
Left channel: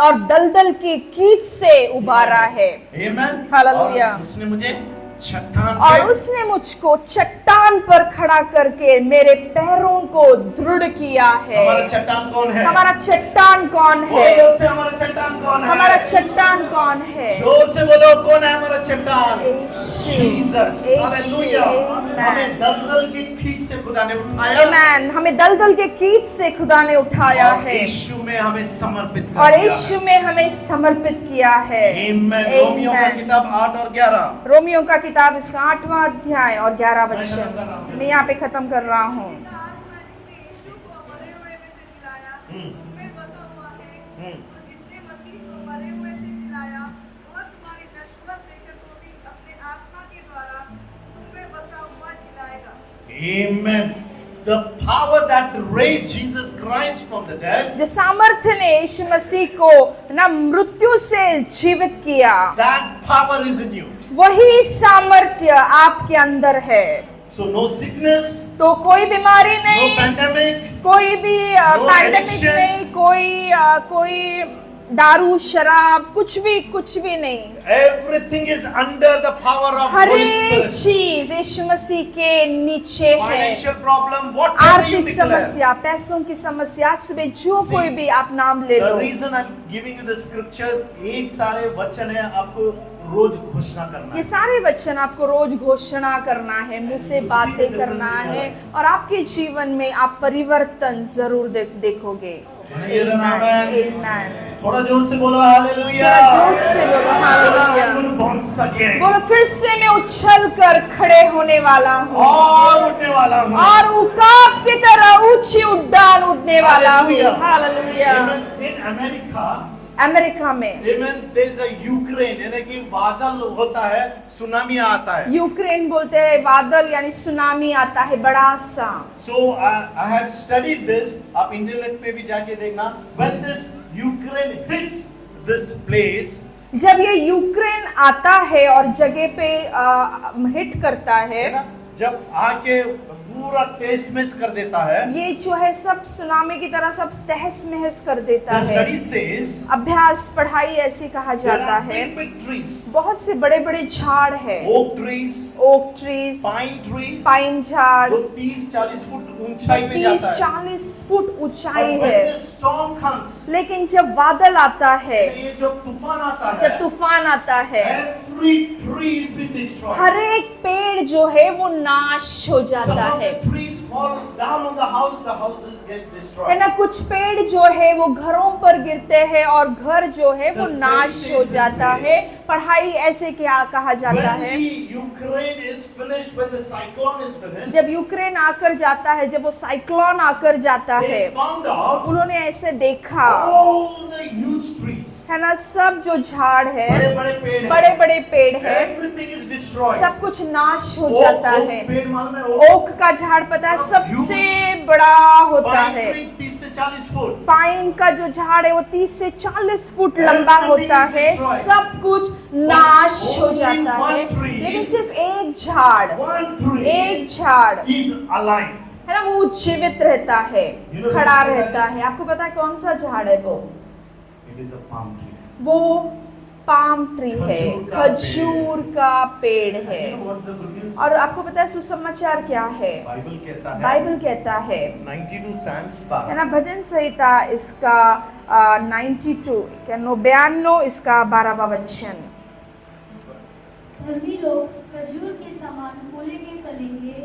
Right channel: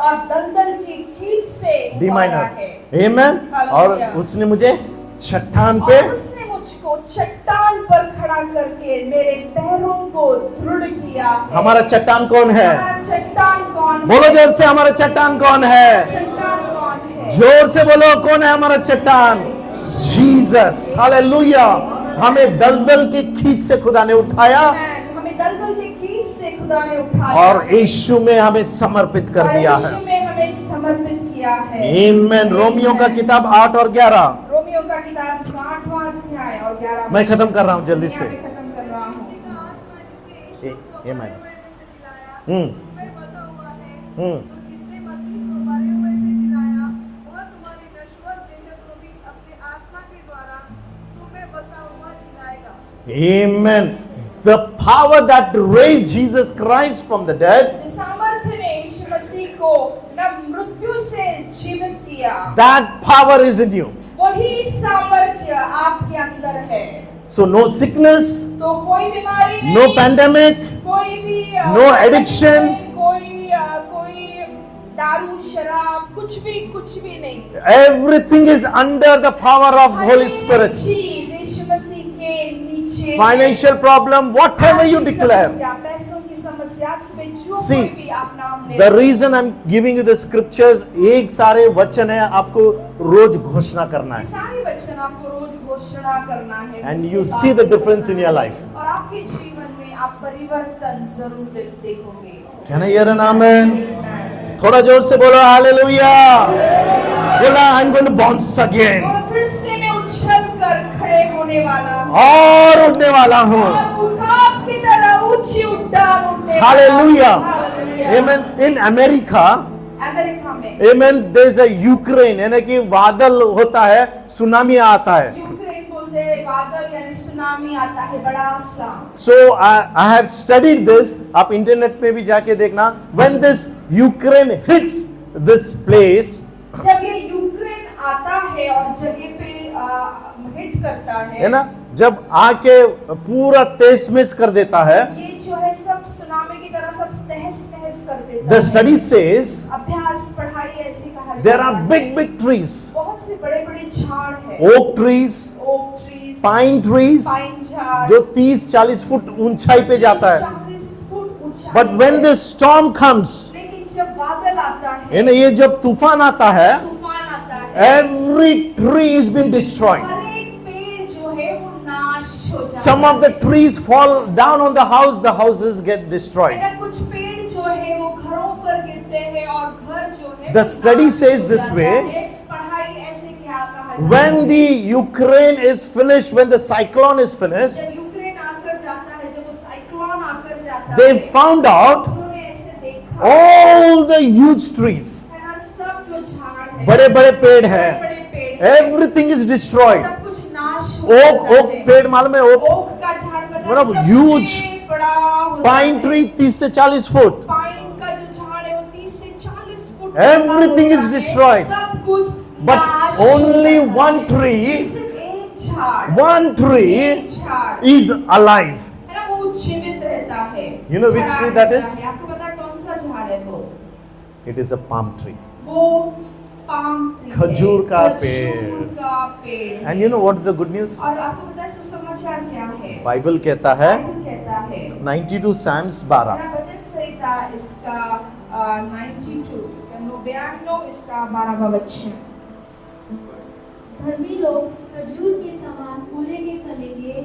और दलदल की कीच से उबारा है। आमेन। हालेलुया। और उसने मुझे चट्टान पे, और उसने मुझको चट्टान पर खड़ा करके मेरे पैरों को दृढ़ किया है। हमारा चट्टान कौन है? हमारा चट्टान कौन है? बोलो जोर से, हमारा चट्टान कौन हमारा है? चट्टान कौन है? जोर से बोलो, कौन है हमारा चट्टान? जीसस। हालेलुया हमें दलदल के खींच से खुदा ने उठाया Amen. हमें दलदल के कीच से खुदा ने उठाया और है यीशु में हमें समर्पित और कर दिया यीशु है। में हमें समर्पित किया है। आमीन। रोमियो का Amen. किताब 8 और 11। रोमियो का किताब इसका 8वां अध्याय और 11 मैं खत्म कर रहा हूँ जल्दी मैं यहाँ पे से। खत्म कर रहा हूँ। ये मैं जिसने मसीह को मरे हुए से जिलाया, वह तुम्हारी नश्वर देह को भी अपने आत्मा के द्वारा तुम्हें बसा हुआ जिलाएगा। Amen. The power that raised Jesus Christ from the dead, जो सामर्थ्य ने यीशु मसीह को ना मृत्यु से जीवित किया, that power is in you. वही सामर्थ्य आपके अंदर है। So no sickness, तो कोई बीमारी no नहीं, pandemic, कोई भी No pandemic addiction. नहीं, कोई दारू शराब कुछ भी नहीं। everything is under the power of her Holy एक Spirit. चीज यीशु मसीह के नीचे है। Financial problem, whatever you आर्थिक declare. समस्या, पैसों की समस्या, आज सुबह जो See, कोई भी आप नाम ले The low. reason I'm giving you the scriptures, एक सारे वचन है आपको रोज घोषणा करना ये है। सारे वचन आपको रोज घोषणा करना है, And मुझसे you see the बातें difference in करना your है, life. और आपके जीवन में आप परिवर्तन जरूर देखोगे। Can I hear an amen? Amen. थोड़ा जोर से बोलो हालेलुया। बोला I'm going to bounce again. और फिर से मैं उछल कर खड़े होने वाला हूँ और उठने वाला हूँ। और उकाब की तरह ऊंची उड़ान उड़ने वाला हूँ। Hallelujah. Hallelujah. Amen. In America, America में Amen, there is a Ukraine, यानी कि बादल होता है, सुनामी आता है। यूक्रेन बोलते हैं बादल यानी सुनामी आता है बड़ा सा। So I have studied this. आप इंटरनेट पे भी जाके देखना. When this Ukraine hits this place, जब ये यूक्रेन आता है और जगह पे हिट करता है है ना, जब आके पूरा तहस महस कर देता है, ये जो है सब सुनामी की तरह सब तहस नहस कर देता the है। study says अभ्यास पढ़ाई ऐसे कहा जा there रहा are है big trees, बहुत से बड़े बड़े झाड़ है, oak trees, oak trees, pine trees, pine झाड़, जो 30-40 फुट ऊंचाई पे जाता है। 40 फुट ऊंचाई But when है। the storm comes, लेकिन जब बादल आता है, यानी ये जब तूफान आता है, तूफान आता है, every tree is been destroyed. हर एक पेड़ जो है वो नाश हो जाता Some of the है। trees fall down on the houses get है destroyed. ना, कुछ पेड़ जो है वो घरों पर गिरते हैं और घर जो है The वो study नाश says हो this जाता way, है। पढ़ाई ऐसे क्या कहा जाता When है, the Ukraine is finished, when the cyclone is finished, जब यूक्रेन आकर जाता है, जब वो साइक्लोन आकर जाता they है, found out उन्होंने ऐसे देखा all the huge trees, है ना, सब जो झाड़ है, बड़े बड़े पेड़ बड़े हैं, बड़े पेड़ है, everything is destroyed. सब कुछ नाश हो Oak जाता है। पेड़ मालूम है, oak ओक का झाड़ पता है बड़ा सबसे huge बड़ा होता pine है। tree 30 से 40 फुट. पाइन का जो झाड़ है वो 30 से 40 फुट लंबा Everything होता is है, destroyed. सब कुछ नाश हो only जाता one है। tree, लेकिन सिर्फ एक झाड़, One tree एक झाड़ is alive. है ना, वो जीवित रहता है, You know which खड़ा tree that रहता is? है। आपको पता है कौन सा झाड़ है वो? It is a palm tree. वो पाम ट्री है, खजूर का पेड़। खजूर का पेड़ है। And you know what is the good news? और आपको पता है सुसमाचार क्या है? बाइबल कहता है बाइबल कहता है 92 Psalms है 12. ना, भजन संहिता इसका 92 क्या 99 इसका 12वां वचन। धर्मी लोग खजूर के समान फूलेंगे फलेंगे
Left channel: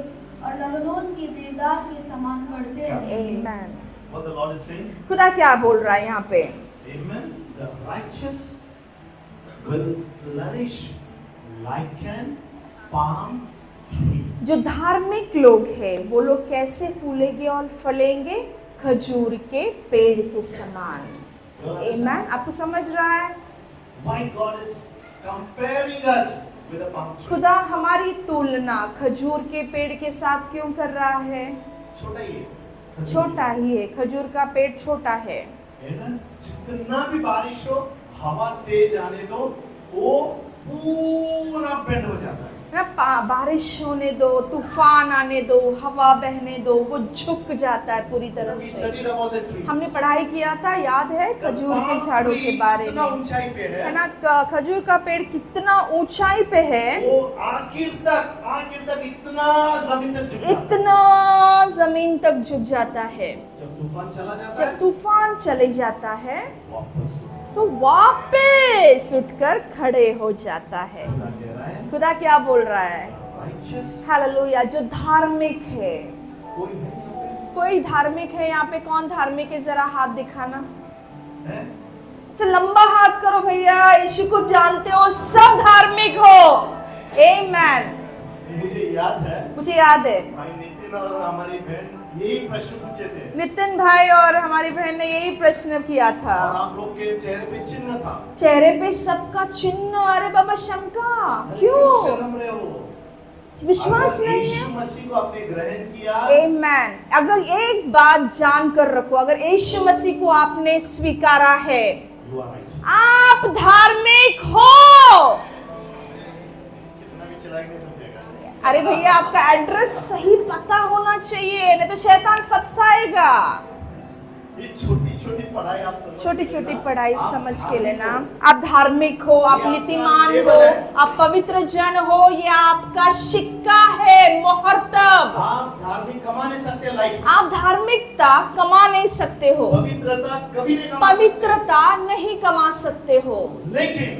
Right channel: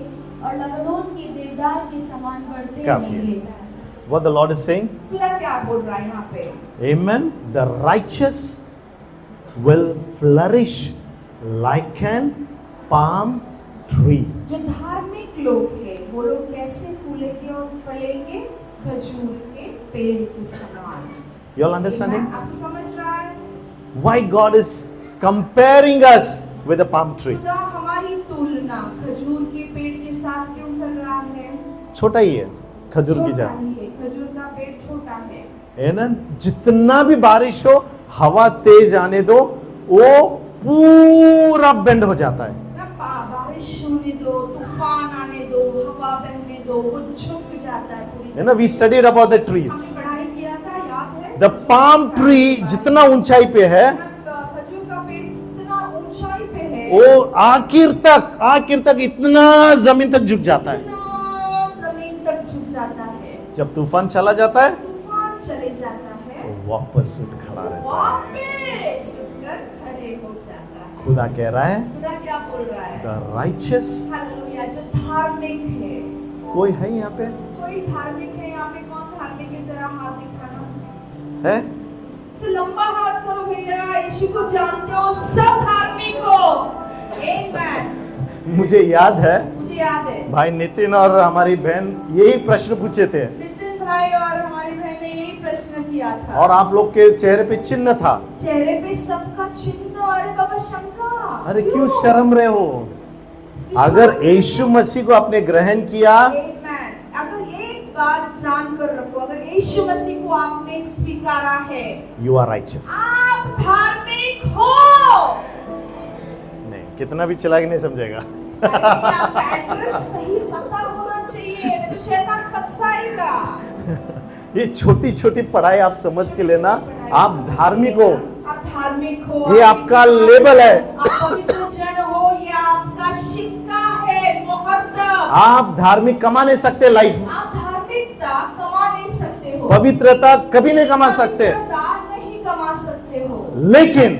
और लबनोन के देवदार के समान बढ़ते काफी। रहेंगे। What the Lord is saying? खुदा क्या बोल रहा है यहाँ पे? Amen. The righteous will flourish like an palm tree. जो धार्मिक लोग हैं वो लोग कैसे फूलेंगे और फलेंगे? खजूर के पेड़ के समान। You all understand Amen? it? आपको समझ रहा है? Why God is comparing us with a palm tree? खुदा हमारी तुलना खजूर के पेड़ के साथ क्यों कर रहा है? छोटा ही है खजूर की छोटा जड़. ही है, खजूर का पेड़ छोटा है। Amen. जितना भी बारिश हो, हवा तेज आने दो, वो पूरा बेंड हो जाता है. ना बारिश होने दो, तूफान आने दो, हवा बहने दो, वो झुक जाता है पूरी You know, तरह we से। studied about the हमने trees. पढ़ाई किया था, याद है? The खजूर के palm झाड़ों tree के बारे जितना में। ऊंचाई पे है, ना खजूर का पेड़ कितना ऊंचाई पे है, वो आखिर तक इतना जमीन तक झुक जाता है. इतना जमीन तक झुक जाता है, जब तूफान चला जाता है तूफान चले जाता है, वापस उठ खड़ा तो रहता है। वापस उठकर खड़े हो जाता है। खुदा कह रहा है खुदा क्या बोल रहा है? The righteous, hallelujah. जो धार्मिक है, कोई है यहाँ पे? कोई धार्मिक है यहाँ पे? कौन धार्मिक है? जरा हाथ दिखाना। है? से लंबा हाथ करो भैया, यीशु को जानते हो, सब धार्मिक हो। आमेन। मुझे याद है मुझे याद है भाई नितिन और हमारी बहन यही प्रश्न पूछे थे, नितिन भाई और हमारी बहन ने यही प्रश्न किया था, और आप लोग के चेहरे पे चिन्ह था। चेहरे पे सबका चिन्ह। अरे बाबा शंका, अरे क्यों शर्म रहे हो? विश्वास अगर नहीं यीशु मसीह को आपने ग्रहण किया, आमेन। अगर एक बात जान कर रखो, अगर यीशु मसीह को आपने स्वीकारा है, यू आर राइचियस। आप धार्मिक हो। नहीं, कितना भी चला के नहीं समझेगा। अरे भैया, आपका एड्रेस सही पता होना चाहिए, नहीं तो शैतान फंसाएगा। ये छोटी छोटी पढ़ाई आप समझ के लेना, आप धार्मिक हो, आप धार्मिक हो, ये आप आपका नीतिमान लेबल हो, है। आप पवित्र जन हो, ये आपका सिक्का है, मोहर्तब। आप धार्मिक कमा नहीं सकते लाइफ में, आप धार्मिकता कमा नहीं सकते हो, पवित्रता कभी नहीं कमा सकते, पवित्रता नहीं कमा सकते हो। लेकिन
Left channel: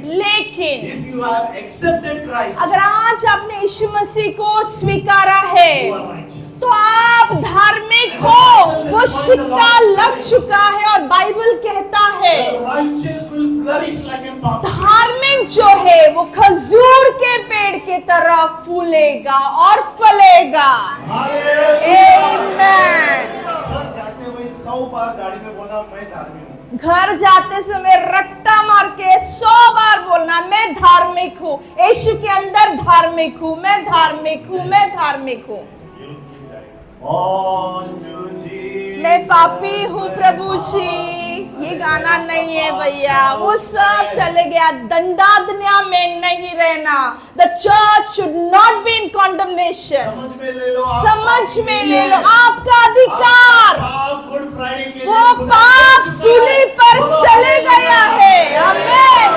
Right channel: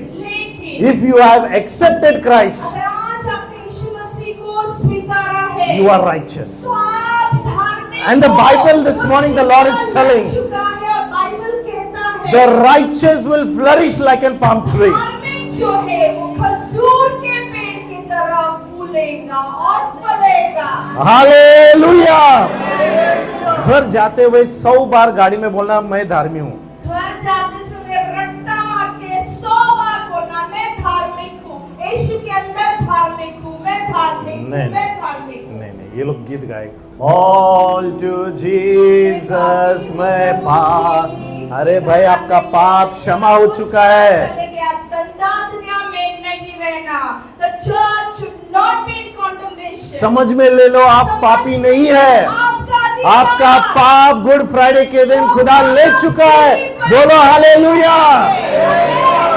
if you have accepted Christ, अगर आज आपने यीशु मसीह को स्वीकारा है, यू आर राइचियस। तो आप धार्मिक And the हो। Bible this वो morning the सिक्का Lord is लग telling, चुका है और बाइबल कहता है the righteous will flourish like a palm tree. धार्मिक जो है वो खजूर के पेड़ के तरह फूलेगा और फलेगा। हालेलुया। Amen। घर जाते हुए 100 बार गाड़ी में बोलना मैं धार्मिक हूँ। घर जाते समय रट्टा मार के 100 बार बोलना मैं धार्मिक हूँ, यीशु के अंदर धार्मिक हूँ, मैं धार्मिक हूँ, नहीं। मैं धार्मिक हूँ। नहीं, ये लोग गीत गाए, All to मैं Jesus पापी हूँ मैं प्रभु पाप। जी। अरे ये भाई गाना आपका नहीं है पाप भैया, क्षमा हो वो चुका सब है। चले गया, दंडादन्या में नहीं रहना। The church should not be in condemnation। समझ में ले लो, आप समझ पापी में नहीं ले लो, है। आपका अधिकार, आपका पाप गुड फ्राइडे के दिन वो खुदा ले पाप चुका है। सिरे पर बोलो चले हालेलुया। गया है। आमीन।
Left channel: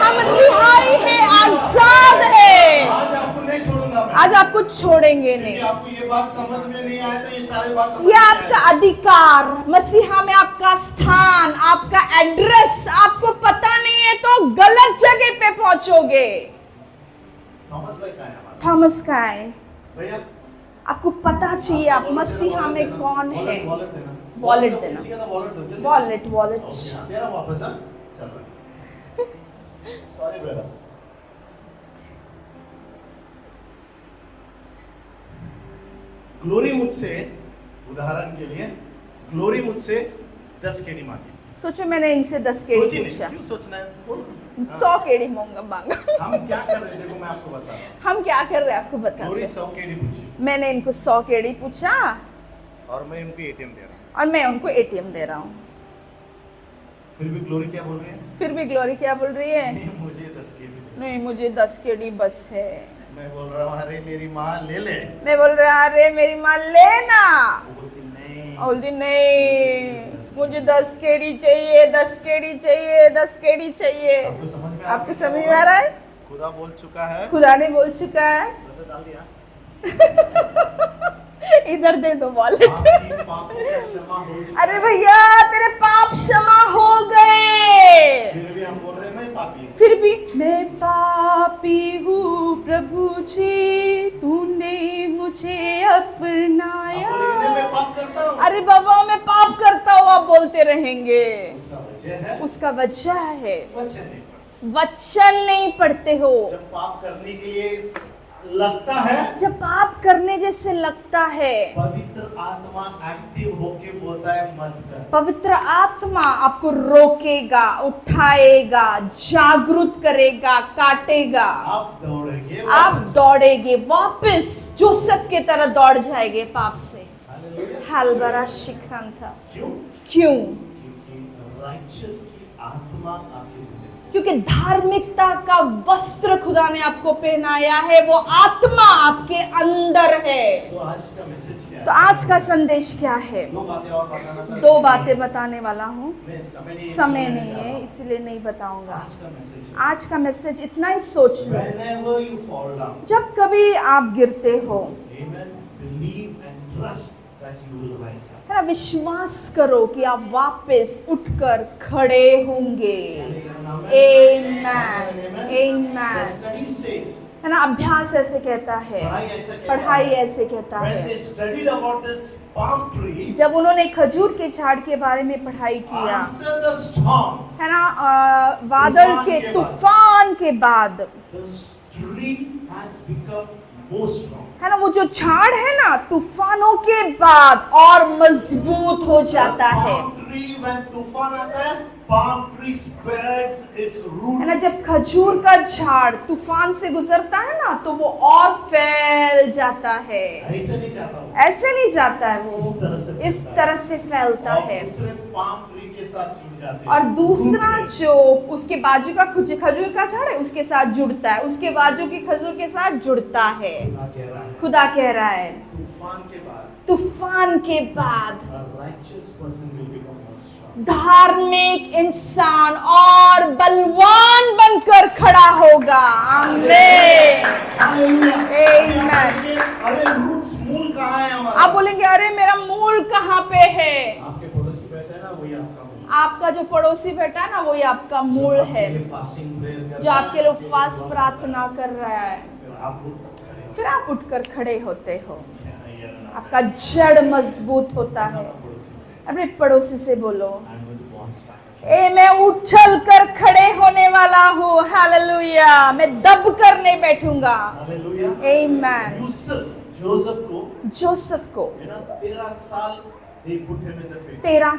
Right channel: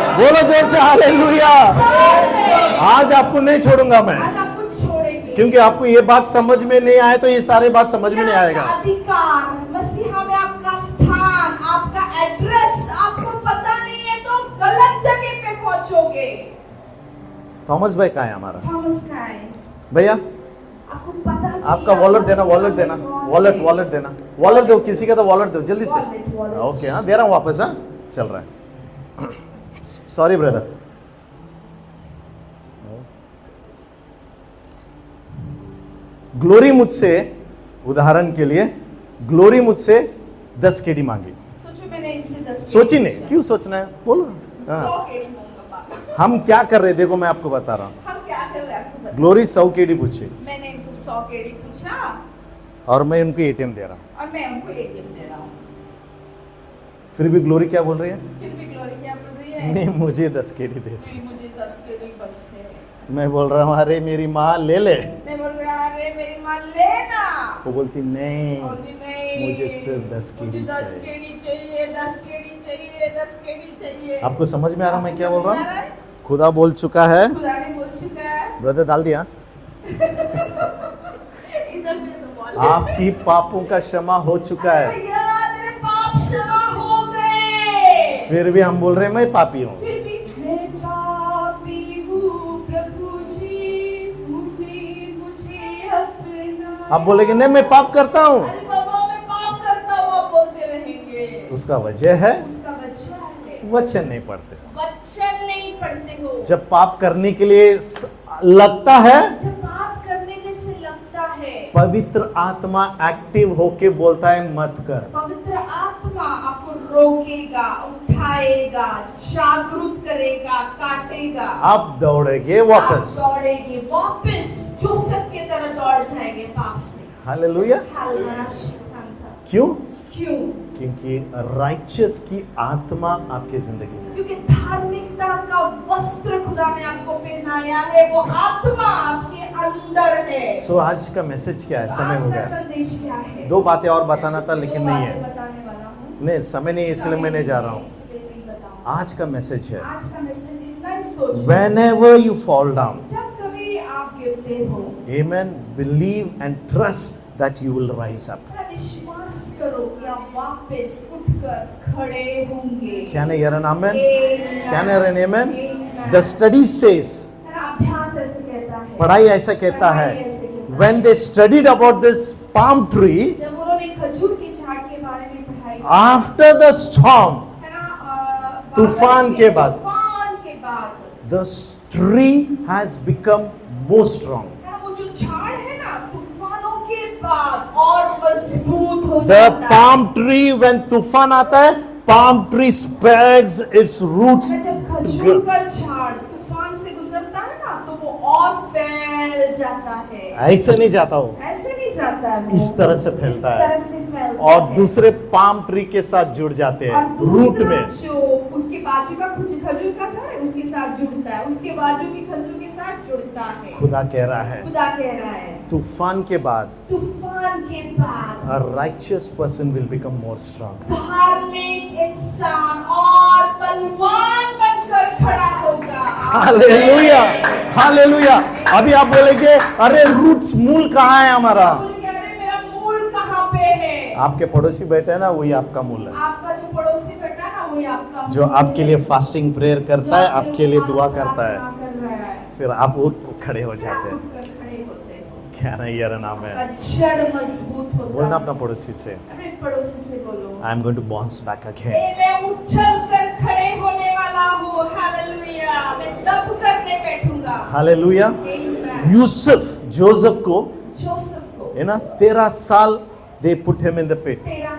हम बोलो जोर से ईमान के हालेलुया। आजाद हैं। आज आपको नहीं छोड़ूंगा मैं, आज आपको छोड़ेंगे क्योंकि नहीं। आपको ये बात समझ में नहीं आए तो ये सारे बात समझ ये में नहीं आपका आएगा। अधिकार, मसीहा में आपका स्थान, आपका एड्रेस आपको पता नहीं है तो गलत जगह पे पहुंचोगे। थॉमस भाई कहाँ है हमारा थॉमस का है, भैया? आपको पता चाहिए। आपका आप वॉलेट देना, मसीहा वॉलेट में देना, कौन वॉलेट है। वॉलेट देना, वॉलेट दो, वॉलेट किसी का तो वॉलेट दो जल्दी से। Wallet, wallet. ओके, हाँ दे रहा हूँ वापस। हाँ चल रहा है, सॉरी ब्रदर। ग्लोरी मुझसे, उदाहरण के लिए ग्लोरी मुझसे 10 केडी मांगी। सोचो मैंने इनसे 10 केडी सोची नहीं, पूछा। क्यों सोचना है, बोलो। हाँ। 100 केडी मांगा। हम क्या कर रहे, देखो मैं आपको बता रहा हूँ। हम क्या कर रहे हैं आपको बता। ग्लोरी 100 केडी पूछी मैंने इनको 100 केडी पूछा और मैं उनको एटीएम दे रहा हूँ, और मैं उनको एटीएम दे रहा हूँ। फिर भी ग्लोरी क्या बोल रही है? फिर भी ग्लोरी क्या बोल रही है? नहीं, मुझे 10 केडी दे। नहीं, मुझे 10 केडी बस है। मैं बोल रहा हूँ अरे मेरी माँ ले ले, मैं बोल रहा अरे मेरी माँ लेना। वो बोलती नहीं, बोलती मुझे नहीं, सिर्फ 10 मुझे केडी 10 केडी चाहिए, 10 केडी चाहिए, 10 केडी चाहिए। आपको समझ में आ रहा है मैं आपको क्या समझ बोल में आ रहा रहा हूँ? है? खुदा बोल चुका है, खुदा ने बोल चुका है। ब्रदर डाल दिया, इधर दे दो बॉल। आपकी पापों का क्षमा हो चुका अरे है। भैया तेरे पाप क्षमा हो गए। फिर भी हम बोल रहे हैं मैं पापी हूँ। फिर भी मैं पापी हूँ प्रभु जी, तूने मुझे अपनाया। आप बोलेंगे नहीं मैं पाप करता हूँ, अरे बाबा मैं पाप करता हूँ, आप बोलते रहेंगे। उसका वजह है उसका वजह है वचन नहीं पढ़ते। वचन नहीं पढ़ते हो। जब पाप करने के लिए लगता है, जब पाप करने जैसे लगता है, पवित्र आत्मा एक्टिव होके बोलता है मत कर। पवित्र आत्मा आपको रोकेगा, उठाएगा, जागरूक करेगा, काटेगा। आप दौड़ेगे आप वापस। दौड़ेगे वापस, जोसेफ के तरह दौड़ जाएंगे पाप से। हालेलुया। हालबरा शिखान था। क्यों? क्यों? क्योंकि राइचियस की आत्मा आपकी जिंदगी में। क्योंकि धार्मिकता का वस्त्र खुदा ने आपको पहनाया है, वो आत्मा आपके अंदर है। सो आज का मैसेज क्या है? तो समय आज हो का गया। संदेश क्या है? 2 बातें और बताना था दो लेकिन नहीं बातें है। बताने वाला हूँ। नहीं, समय नहीं है, इसलिए समय मैं नहीं नहीं जा है, रहा हूँ। इसलिए नहीं बताऊंगा। आज का मैसेज है, आज का मैसेज इतना ही सोच लो। whenever you fall down, जब कभी आप गिरते हो, amen, believe and trust that you will rise up. तेरा विश्वास करो कि आप वापस उठकर खड़े होंगे। Can I hear an amen? Amen. Can I hear an amen? Amen. The study says, है ना, अभ्यास ऐसे कहता है, पढ़ाई ऐसा कहता पढ़ाई है, ऐसे कहता when है। they studied about this palm tree, जब उन्होंने खजूर के झाड़ के बारे में पढ़ाई की, after the storm, है ना, तूफान के बाद, तूफान के बाद, the tree has become more strong. है ना, वो जो झाड़ है ना, तूफानों के बाद और मजबूत हो The जाता है। palm tree, when तूफान आता है, palm tree spreads its roots. है ना, जब खजूर का झाड़ तूफान से गुजरता है ना, तो वो और फैल जाता है। ऐसे नहीं जाता हो, ऐसे नहीं जाता है वो, इस तरह से इस फैलता है तरह से फैलता और है। दूसरे palm tree के साथ जुड़ जाते और हैं रूट दूसरा में। जो उसके बाजू का खजूर का झाड़ है, उसके साथ जुड़ता है, उसके बाजू की खजूर के साथ जुड़ता है। खुदा कह रहा है, खुदा कह रहा है, तूफान के बाद तूफान के बाद a righteous person will become more strong. धार्मिक इंसान और बलवान बनकर खड़ा होगा। Hallelujah, hallelujah. अभी आप Amen. बोलेंगे, अरे रूट्स, मूल कहाँ है हमारा? आप बोलेंगे, अरे मेरा मूल कहाँ पे है? आपके पड़ोसी बैठे हैं ना, वही आपका मूल है। आपका जो पड़ोसी बैठा है ना, वही आपका मूल जो आपके है। लिए फास्टिंग प्रेयर जो करता है, आपके आपके लिए फास्ट दुआ करता प्रार्थना है, कर रहा है, फिर आप उठ खड़े हो फिर आप जाते हैं। उठकर खड़े होते हो। क्या ना ये नाम आपका है। जड़ मजबूत होता बोलना अपना है। पड़ोसी से, अपने पड़ोसी से बोलो, I am going to bounce back again. ए मैं उछल कर खड़े होने वाला हूँ। हालेलुया, मैं दब कर नहीं बैठूंगा। हालेलुया। आमीन। यूसुफ, जोसेफ को, जोसेफ को है ना, 13 साल they put him in the pit. 13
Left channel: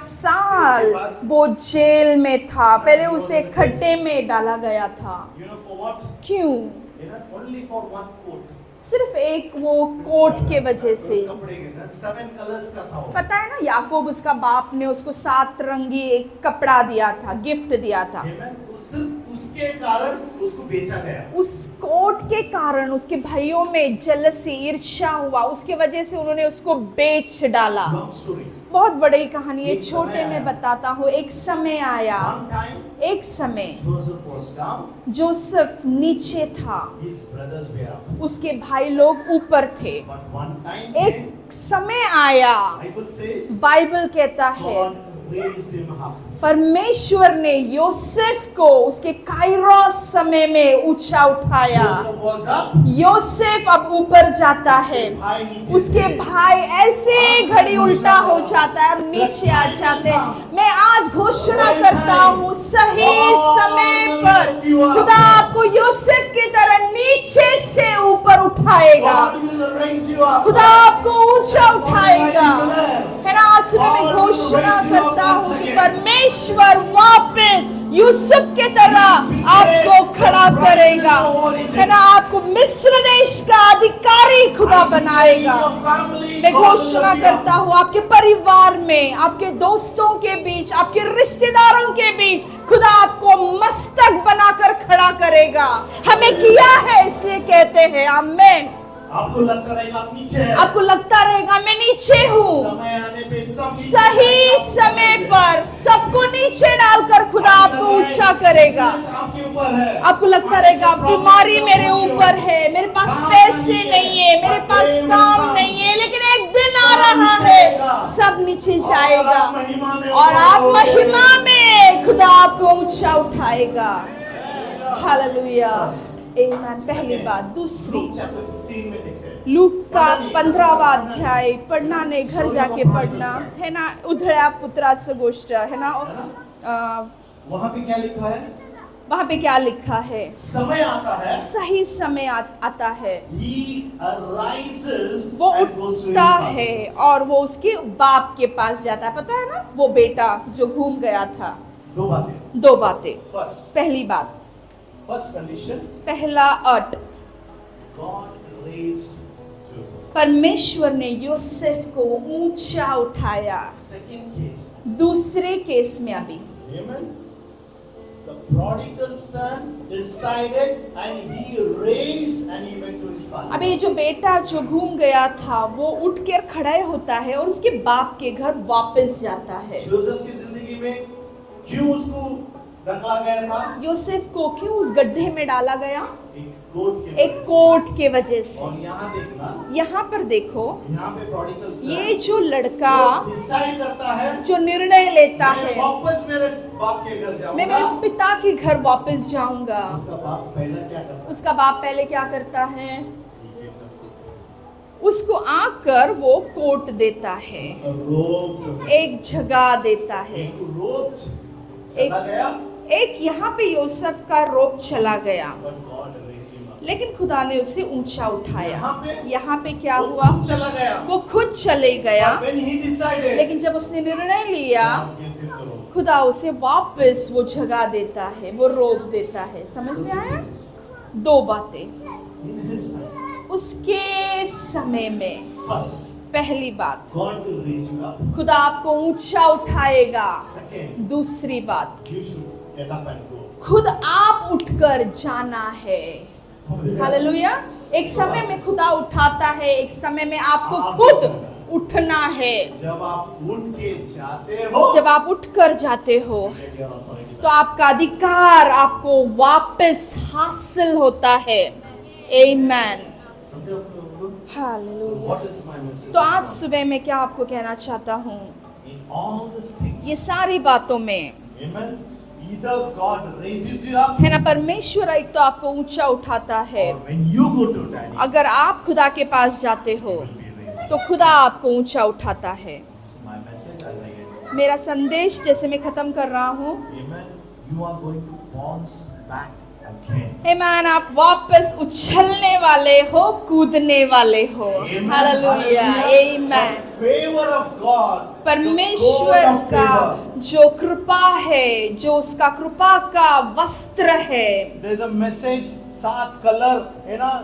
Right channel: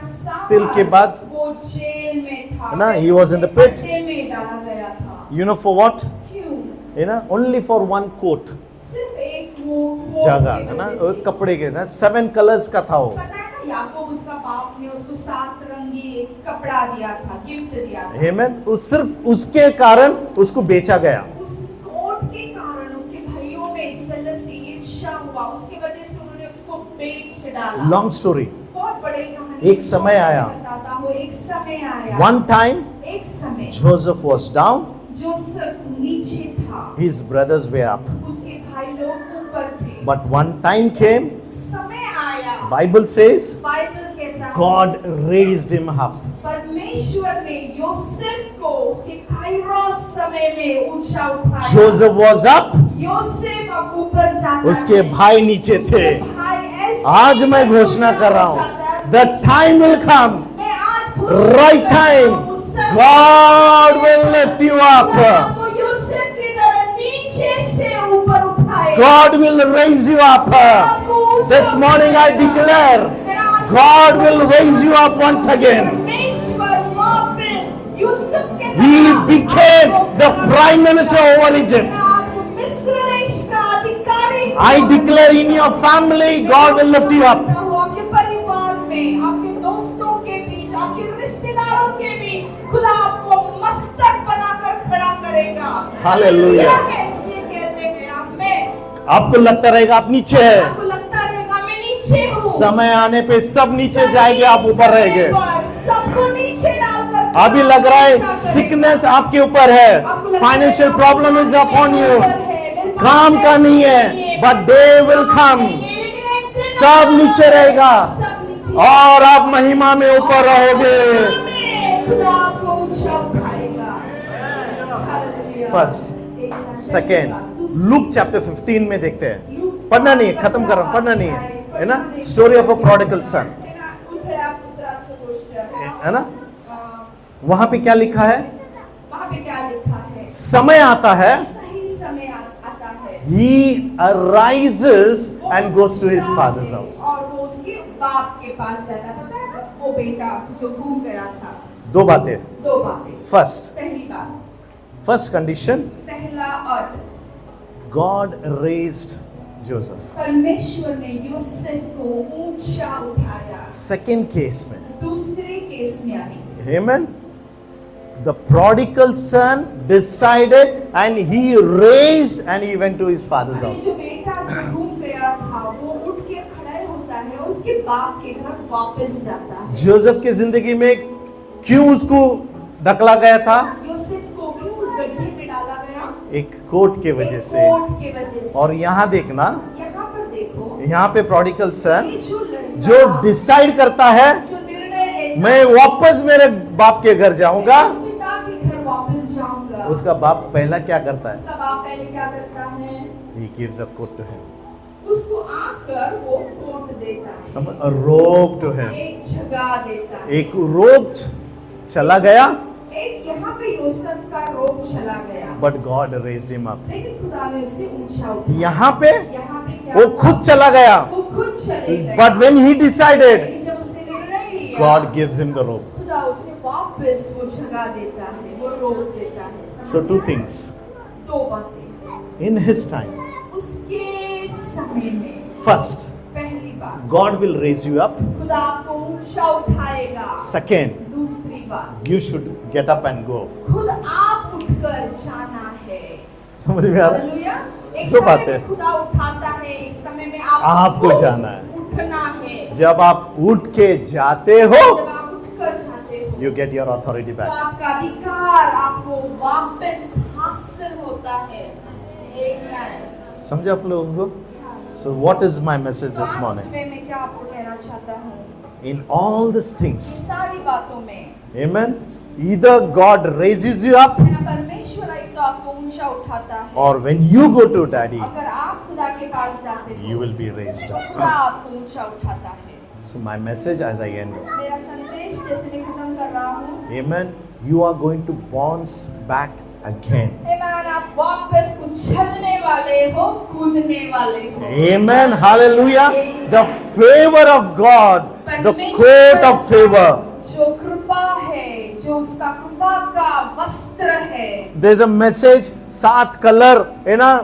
फिर के साल बाद, वो जेल में था। ना, पहले he was उसे in the pit. खड्डे में डाला गया था। You know for what? क्यों? है ना, only for one coat. सिर्फ एक वो कोट जगह के है ना, वजह से। कपड़े के ना, 7 कलर्स का था वो। पता है ना, याकूब उसका बाप ने उसको 7 रंगी एक कपड़ा दिया था, गिफ्ट दिया था। Amen. सिर्फ उसके कारण उसको बेचा गया। उस कोट के कारण उसके भाइयों में जलसी, ईर्ष्या हुआ, उसके वजह से उन्होंने उसको बेच डाला। Long story. बहुत बड़ी कहानी। एक समय आया, बताता हूँ, एक समय आया, One time एक समय Joseph was down, जोसेफ नीचे था, his brothers were up. उसके भाई लोग ऊपर थे। But one time came, एक समय आया, Bible says, बाइबल कहता है, God raised him up. परमेश्वर ने योसेफ को उसके काइरोस समय में ऊंचा उठाया। Joseph was up, योसेफ अब ऊपर जाता उसके है, भाई नीचे उसके थे। भाई ऐसे आज मैं घड़ी घोषणा उल्टा कर रहा हो हूं, जाता है और the नीचे time will जाते हैं। come, मैं आज घोषणा right करता time, हूं, सही God समय will पर lift you up. खुदा आपको योसेफ की तरह नीचे से ऊपर उठाएगा। God will raise you up. खुदा आपको ऊंचा This morning I उठाएगा। declare, है ना, आज God मैं will घोषणा raise you up करता once हूं कि again. परमेश्वर वापस यूसुफ के He तरह became आपको the खड़ा prime करेगा। minister over Egypt. है ना, आपको मिस्र देश का अधिकारी खुदा I declare in बनाएगा। your family, मैं God will घोषणा lift you करता up. हूँ, आपके परिवार में, आपके दोस्तों के बीच, आपके रिश्तेदारों के बीच खुदा आपको मस्तक बनाकर खड़ा करेगा। हमें Hallelujah. किया है, इसलिए कहते हैं आमीन। आपको लगता रहेगा आप नीचे है, आपको लगता रहेगा मैं नीचे हूँ, समय आने पे सब नीचे सही जाएंगे, आप ऊपर समय रहेंगे। पर सबको नीचे डालकर खुदा अभी लग आपको रहा ऊंचा है करेगा। सिकनेस आपके ऊपर है, आपको लगता फाइनेंशियल रहेगा प्रॉब्लम इज बीमारी अपॉन मेरे यू, ऊपर है, मेरे पास काम का पैसे नहीं है, मेरे but पास they will काम come. नहीं है, लेकिन एक दिन सब आ रहा नीचे है, रहेगा। सब नीचे और जाएगा। आप महिमा में और ऊपर आप महिमा रहेंगे। में खुदा आपको ऊंचा उठाएगा। हालेलुया। First, Amen. पहली सेकेंड, बात। दूसरी, लूक चैप्टर 15 में देखते हैं। लूक पढ़ना नहीं, खत्म 15वां करो, पढ़ना नहीं, अध्याय, है पढ़ना ना, नहीं, घर स्टोरी ऑफ अ जाके प्रोडिगल पढ़ना, सन, है ना, उधळ्या पुत्राचं गोष्ट है ना, वहां पे क्या लिखा है? वहां पे क्या लिखा है? समय आता है, सही समय आता है, he arises वो and goes to his उठता father's है house. और वो उसके बाप के पास जाता है। पता है ना, वो बेटा जो घूम गया था। दो बातें, 2 बातें। फर्स्ट, पहली बात, फर्स्ट कंडीशन, पहला अट, God raised Joseph. परमेश्वर ने योसेफ को ऊंचा उठाया। सेकेंड केस में, दूसरे केस में अभी, amen, the prodigal son decided and he raised and he went to his father's अभी house. जो बेटा जो घूम गया था वो उठ कर खड़ा होता है और उसके बाप के घर वापस जाता है। जोसेफ की जिंदगी में क्यों उसको ढकला गया था? यूसुफ को क्यों उस गड्ढे में डाला गया? एक कोट के वजह एक से। कोट के वजह से। और यहाँ देखना, यहाँ पर देखो, यहाँ पे प्रोडिगल सन ये जो लड़का जो डिसाइड करता है जो निर्णय लेता मैं है, वापस मेरे बाप के घर मैं जाऊंगा, अपने पिता के घर वापस जाऊंगा, उसका बाप पहला क्या करता है? उसका बाप पहले क्या करता है? He gives a coat to him. उसको आकर वो कोट देता है, A robe to him. एक जगह देता है। एक रोब चला गया, एक यहाँ पे यूसुफ का रोब चला गया, but God raised him up. लेकिन खुदा ने उसे ऊंचा उठाया। यहाँ पे यहाँ पे क्या वो हुआ? खुद चला गया, वो खुद चले गया, but when he decided, लेकिन जब उसने निर्णय लिया, God gives him the robe. खुदा उसे वापस वो जगह देता है, वो रोब देता है। समझ So में two आया? things. दो बातें। In his time, उसके समय में first, पहली बात, God will raise you up. खुदा आपको ऊंचा उठाएगा। Second, दूसरी बात, you should get up and go. खुद आप उठकर जाना है। समझ में आ रहा है? हालेलुया। एक दो समय बातें। में खुदा उठाता है, एक समय में आपको आपको जाना है। उठना है। जब आप उठ के जाते हो, जब आप उठकर जाते हो, you get your authority तो back. आपका अधिकार आपको वापस हासिल होता है। आमीन। समझे आप लोगों को? Hallelujah. So what is my message तो this आज morning? सुबह मैं क्या आपको कहना चाहता हूँ? In all these ये things, सारी बातों में amen, either God raises you up, है ना, परमेश्वर एक तो आपको ऊंचा उठाता है, or when you go to daddy, अगर आप खुदा के पास जाते you हो will be raised. तो खुदा आपको ऊंचा उठाता है। So my message as I end, मेरा संदेश जैसे मैं खत्म कर रहा हूँ, amen, you are going to bounce back again. आमीन, आप वापस उछलने वाले हो, कूदने वाले हो। Amen, hallelujah. Amen. The favor of God, the परमेश्वर coat of favor. का जो कृपा है, जो उसका कृपा का वस्त्र है, There's a message, 7 कलर है ना,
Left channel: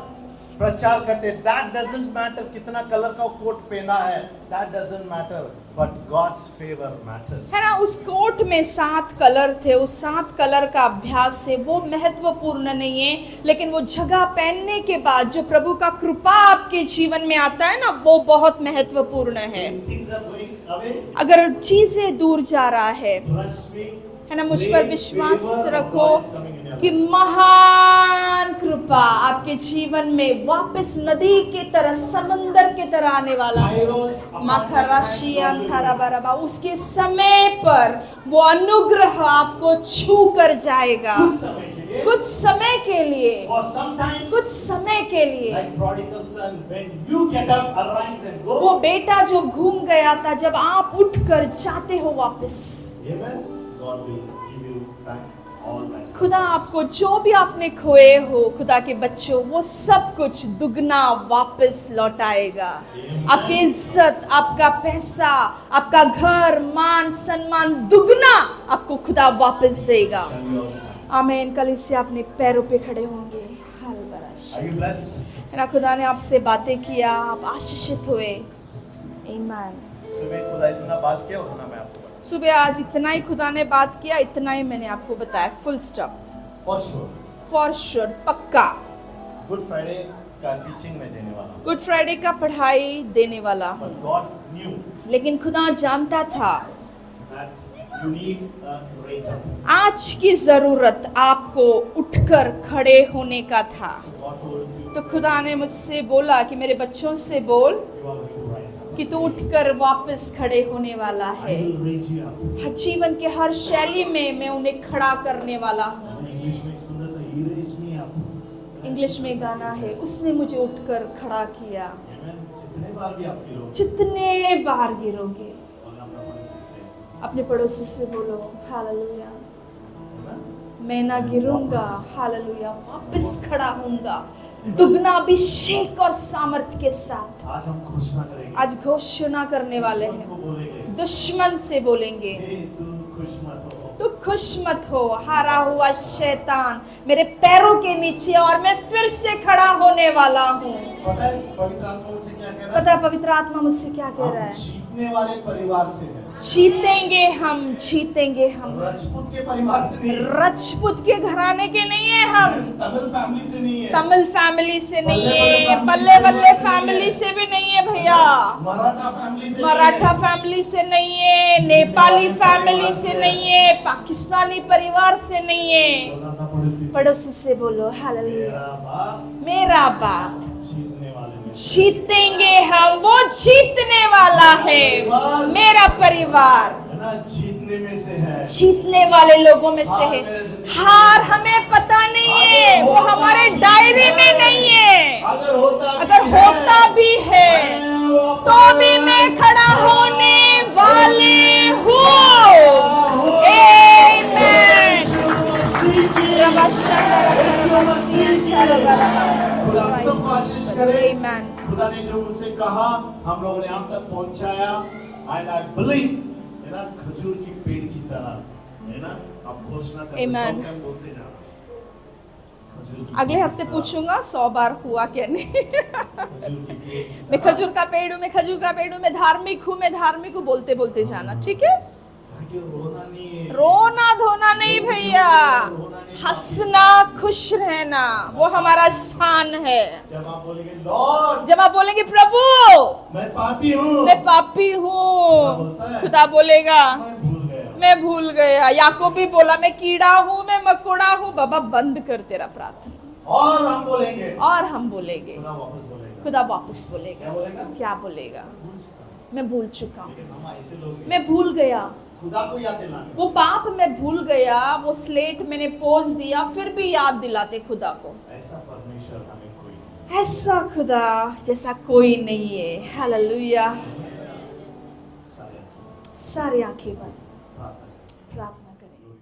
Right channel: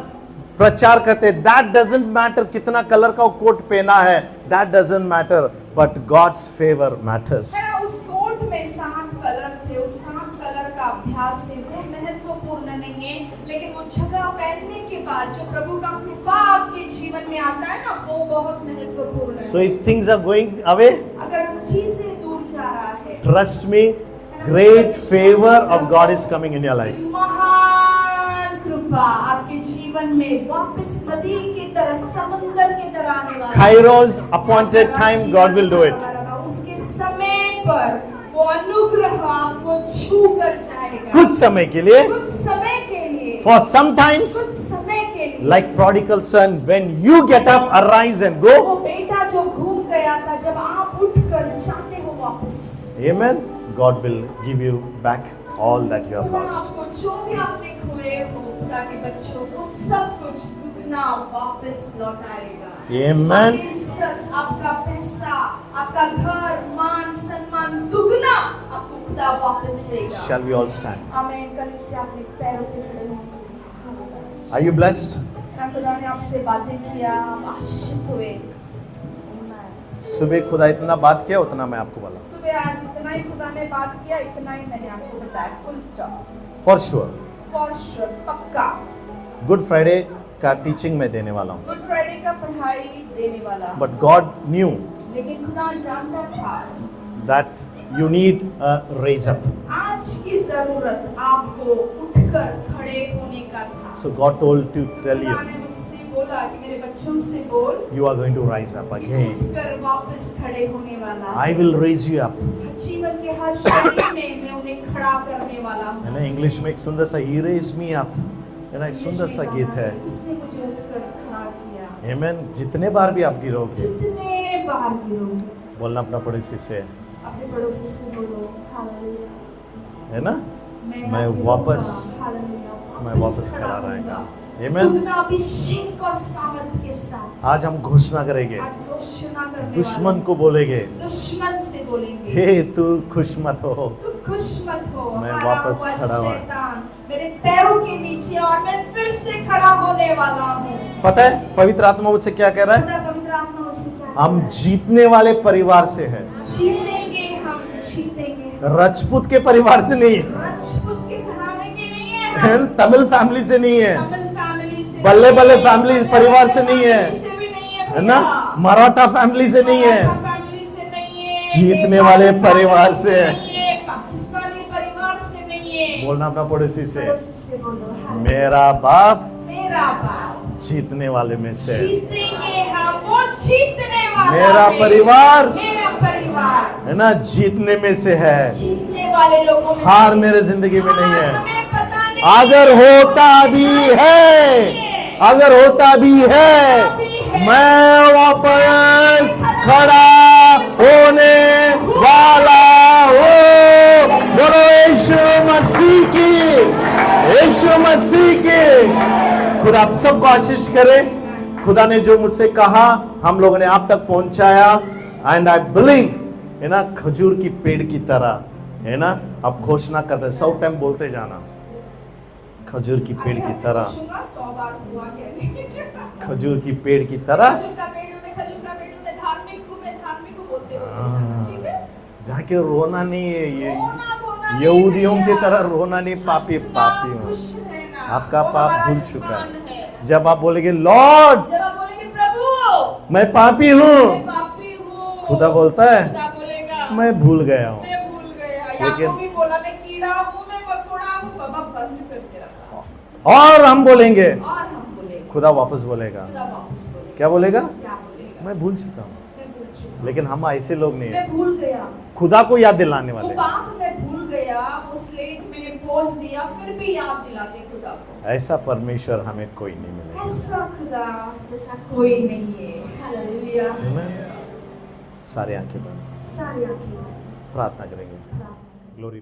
प्रचार करते। That doesn't matter कितना कलर का कोट पहना है, that doesn't matter, but God's favor matters. है ना, उस कोट में 7 कलर थे, उस 7 कलर का अभ्यास से वो महत्वपूर्ण नहीं है, लेकिन वो जगह पहनने के बाद जो प्रभु का कृपा आपके जीवन में आता है ना, वो बहुत महत्वपूर्ण So है। if things are going away, अगर चीजें दूर जा रहा है, trust me, है ना, मुझ पर great विश्वास favor of रखो God is coming in your कि life. महान कृपा आपके जीवन में वापस नदी की तरह, समंदर की तरह आने वाला है। Kairos appointed time, God will do it. उसके समय पर वो अनुग्रह आपको छू कर जाएगा। कुछ समय के लिए, कुछ समय के लिए, for sometimes, कुछ समय के लिए, like prodigal son, when you get up, arise and वो go. बेटा जो घूम गया था, जब आप उठकर जाते हो वापस, Amen. God will give you back all that you have खुदा lost. आपको जो भी आपने खोए हो, खुदा के बच्चों, वो सब कुछ दुगना वापस लौटाएगा। Amen. आपकी इज्जत, आपका पैसा, आपका घर, मान सम्मान दुगना आपको खुदा वापस देगा। Shall we all stand? आमीन। कल इससे अपने पैरों पे खड़े होंगे। हालेलुया। Are you blessed? है ना, खुदा ने आपसे बातें किया, आप आशीषित हुए। आमीन। सुबह खुदा इतना बात किया, उतना मैं आपको बोला। सुबह आज इतना ही खुदा ने बात किया, इतना ही मैंने आपको बताया। Full stop. For sure. For sure, पक्का। गुड फ्राइडे का टीचिंग मैं देने वाला हूँ। गुड फ्राइडे का पढ़ाई देने वाला हूं। But God knew लेकिन खुदा जानता था that you need a raise up. आज की जरूरत आपको उठकर खड़े होने का था। So God told to तो tell खुदा you, ने मुझसे बोला कि मेरे बच्चों से बोल you are going to rise up कि तू again. उठकर वापस खड़े होने वाला I है। will raise you up. जीवन के हर शैली में मैं उन्हें खड़ा करने वाला हूँ। है ना, इंग्लिश में एक सुंदर सा He raised me up. है ना, एक यीशु सुंदर ने सा कहा गीत है। है, उसने मुझे उठकर खड़ा किया। Amen. जितने बार भी आप गिरोगे, जितने बार गिरोगे, बोलना अपना पड़ोसी से, अपने पड़ोसी से बोलो हालेलुया, है ना, मैं ना मैं गिरूंगा, वापस- हालेलुया, मैं वापस वापस खड़ा खड़ा होऊंगा, Amen. दुगना अभिषेक और सामर्थ्य के साथ। आज हम घोषणा करेंगे, आज घोषणा करने दुश्मन वाले को बोलेंगे, दुश्मन से बोलेंगे, हे तू खुश मत हो, तू खुश मत हो, मैं हारा वापस हुआ खड़ा हुआ। शैतान मेरे पैरों के नीचे, और मैं फिर से खड़ा होने वाला हूँ। पता है पवित्र आत्मा मुझसे क्या कह रहा पता है? है पवित्र आत्मा मुझसे क्या कह हम रहा है? जीतने वाले परिवार से है, जीतेंगे हम, जीतेंगे हम। राजपूत के परिवार से नहीं है, राजपूत के घराने के नहीं है हम, तमिल फैमिली से नहीं है, तमिल फैमिली से बल्ले नहीं बल्ले है, फैमिली बल्ले परिवार बल्ले से नहीं है। फैमिली से भी नहीं है है भैया। ना, मराठा फैमिली से नहीं मराठा है, फैमिली से नहीं है, जीतने नेपाली वाले परिवार फैमिली से है। नहीं है, पाकिस्तानी परिवार से नहीं है। बोलना अपना पड़ोसी से, पड़ोसी से बोलो हालेलुया। मेरा बाप मेरा बाप जीतने वाले में से है। जीतेंगे हम, वो जीतने वाला मेरा है। परिवार, मेरा परिवार है ना, जीतने में से है। जीतने वाले लोगों में से हार है। मेरे जिंदगी में हार नहीं है। हमें पता नहीं अगर है, होता हमारे भी दायरे में नहीं है, है। अगर होता भी अगर है, होता भी है, मैं वापस मैं खड़ा खड़ा होने वाला हूँ। यीशु मसीह की, यीशु मसीह की। खुदा आप सबको आशीष करे। Amen. खुदा ने जो मुझसे कहा हम लोगों ने आप तक पहुंचाया, एंड आई बिलीव, है ना, खजूर की पेड़ की तरह, है ना, आप घोषणा करते Amen. 100 टाइम बोलते जाना, खजूर की अगले पेड़ की हफ्ते तरह, पूछूंगा 100 बार हुआ क्या नहीं। खजूर की पेड़ की मैं तरह, खजूर का पेड़ हूँ, मैं खजूर का पेड़ हूँ, मैं धार्मिक हूँ, मैं धार्मिक हूँ, बोलते बोलते जाना, ठीक है। जाके रोना नहीं है, ये रोना धोना नहीं यहूदियों भैया, की तरह रोना नहीं, पापी हंसना, पापी हो। खुश रहना, आपका वो पाप हमारा धुल चुका है। स्थान है। जब आप बोलेंगे लॉर्ड जब आप बोलेंगे प्रभु मैं पापी हूँ, मैं पापी हूँ, खुदा बोलता है खुदा बोलेगा मैं भूल गया हूँ। मैं भूल गया। याकूब भी बोला मैं कीड़ा हूँ, मैं मकोड़ा हूँ, बाबा बंद कर तेरा प्रार्थना। और हम बोलेंगे, और हम बोलेंगे, खुदा वापस बोलेगा, खुदा वापस बोलेगा। क्या बोलेगा? क्या बोलेगा? मैं भूल चुका हूँ। मैं भूल चुका हूँ, लेकिन हम ऐसे लोग नहीं मैं हैं। भूल गया, खुदा को याद दिलाने वो वाले। पाप मैं भूल गया, वो स्लेट मैंने पोंछ दिया, फिर भी याद दिलाते खुदा को। ऐसा परमेश्वर हमें कोई नहीं मिला। ऐसा खुदा जैसा कोई नहीं है। हालेलुया। सारे आंखें बंद, सारी आंखें बंद, प्रार्थना करेंगे। प्रार्थना करें। ग्लोरी।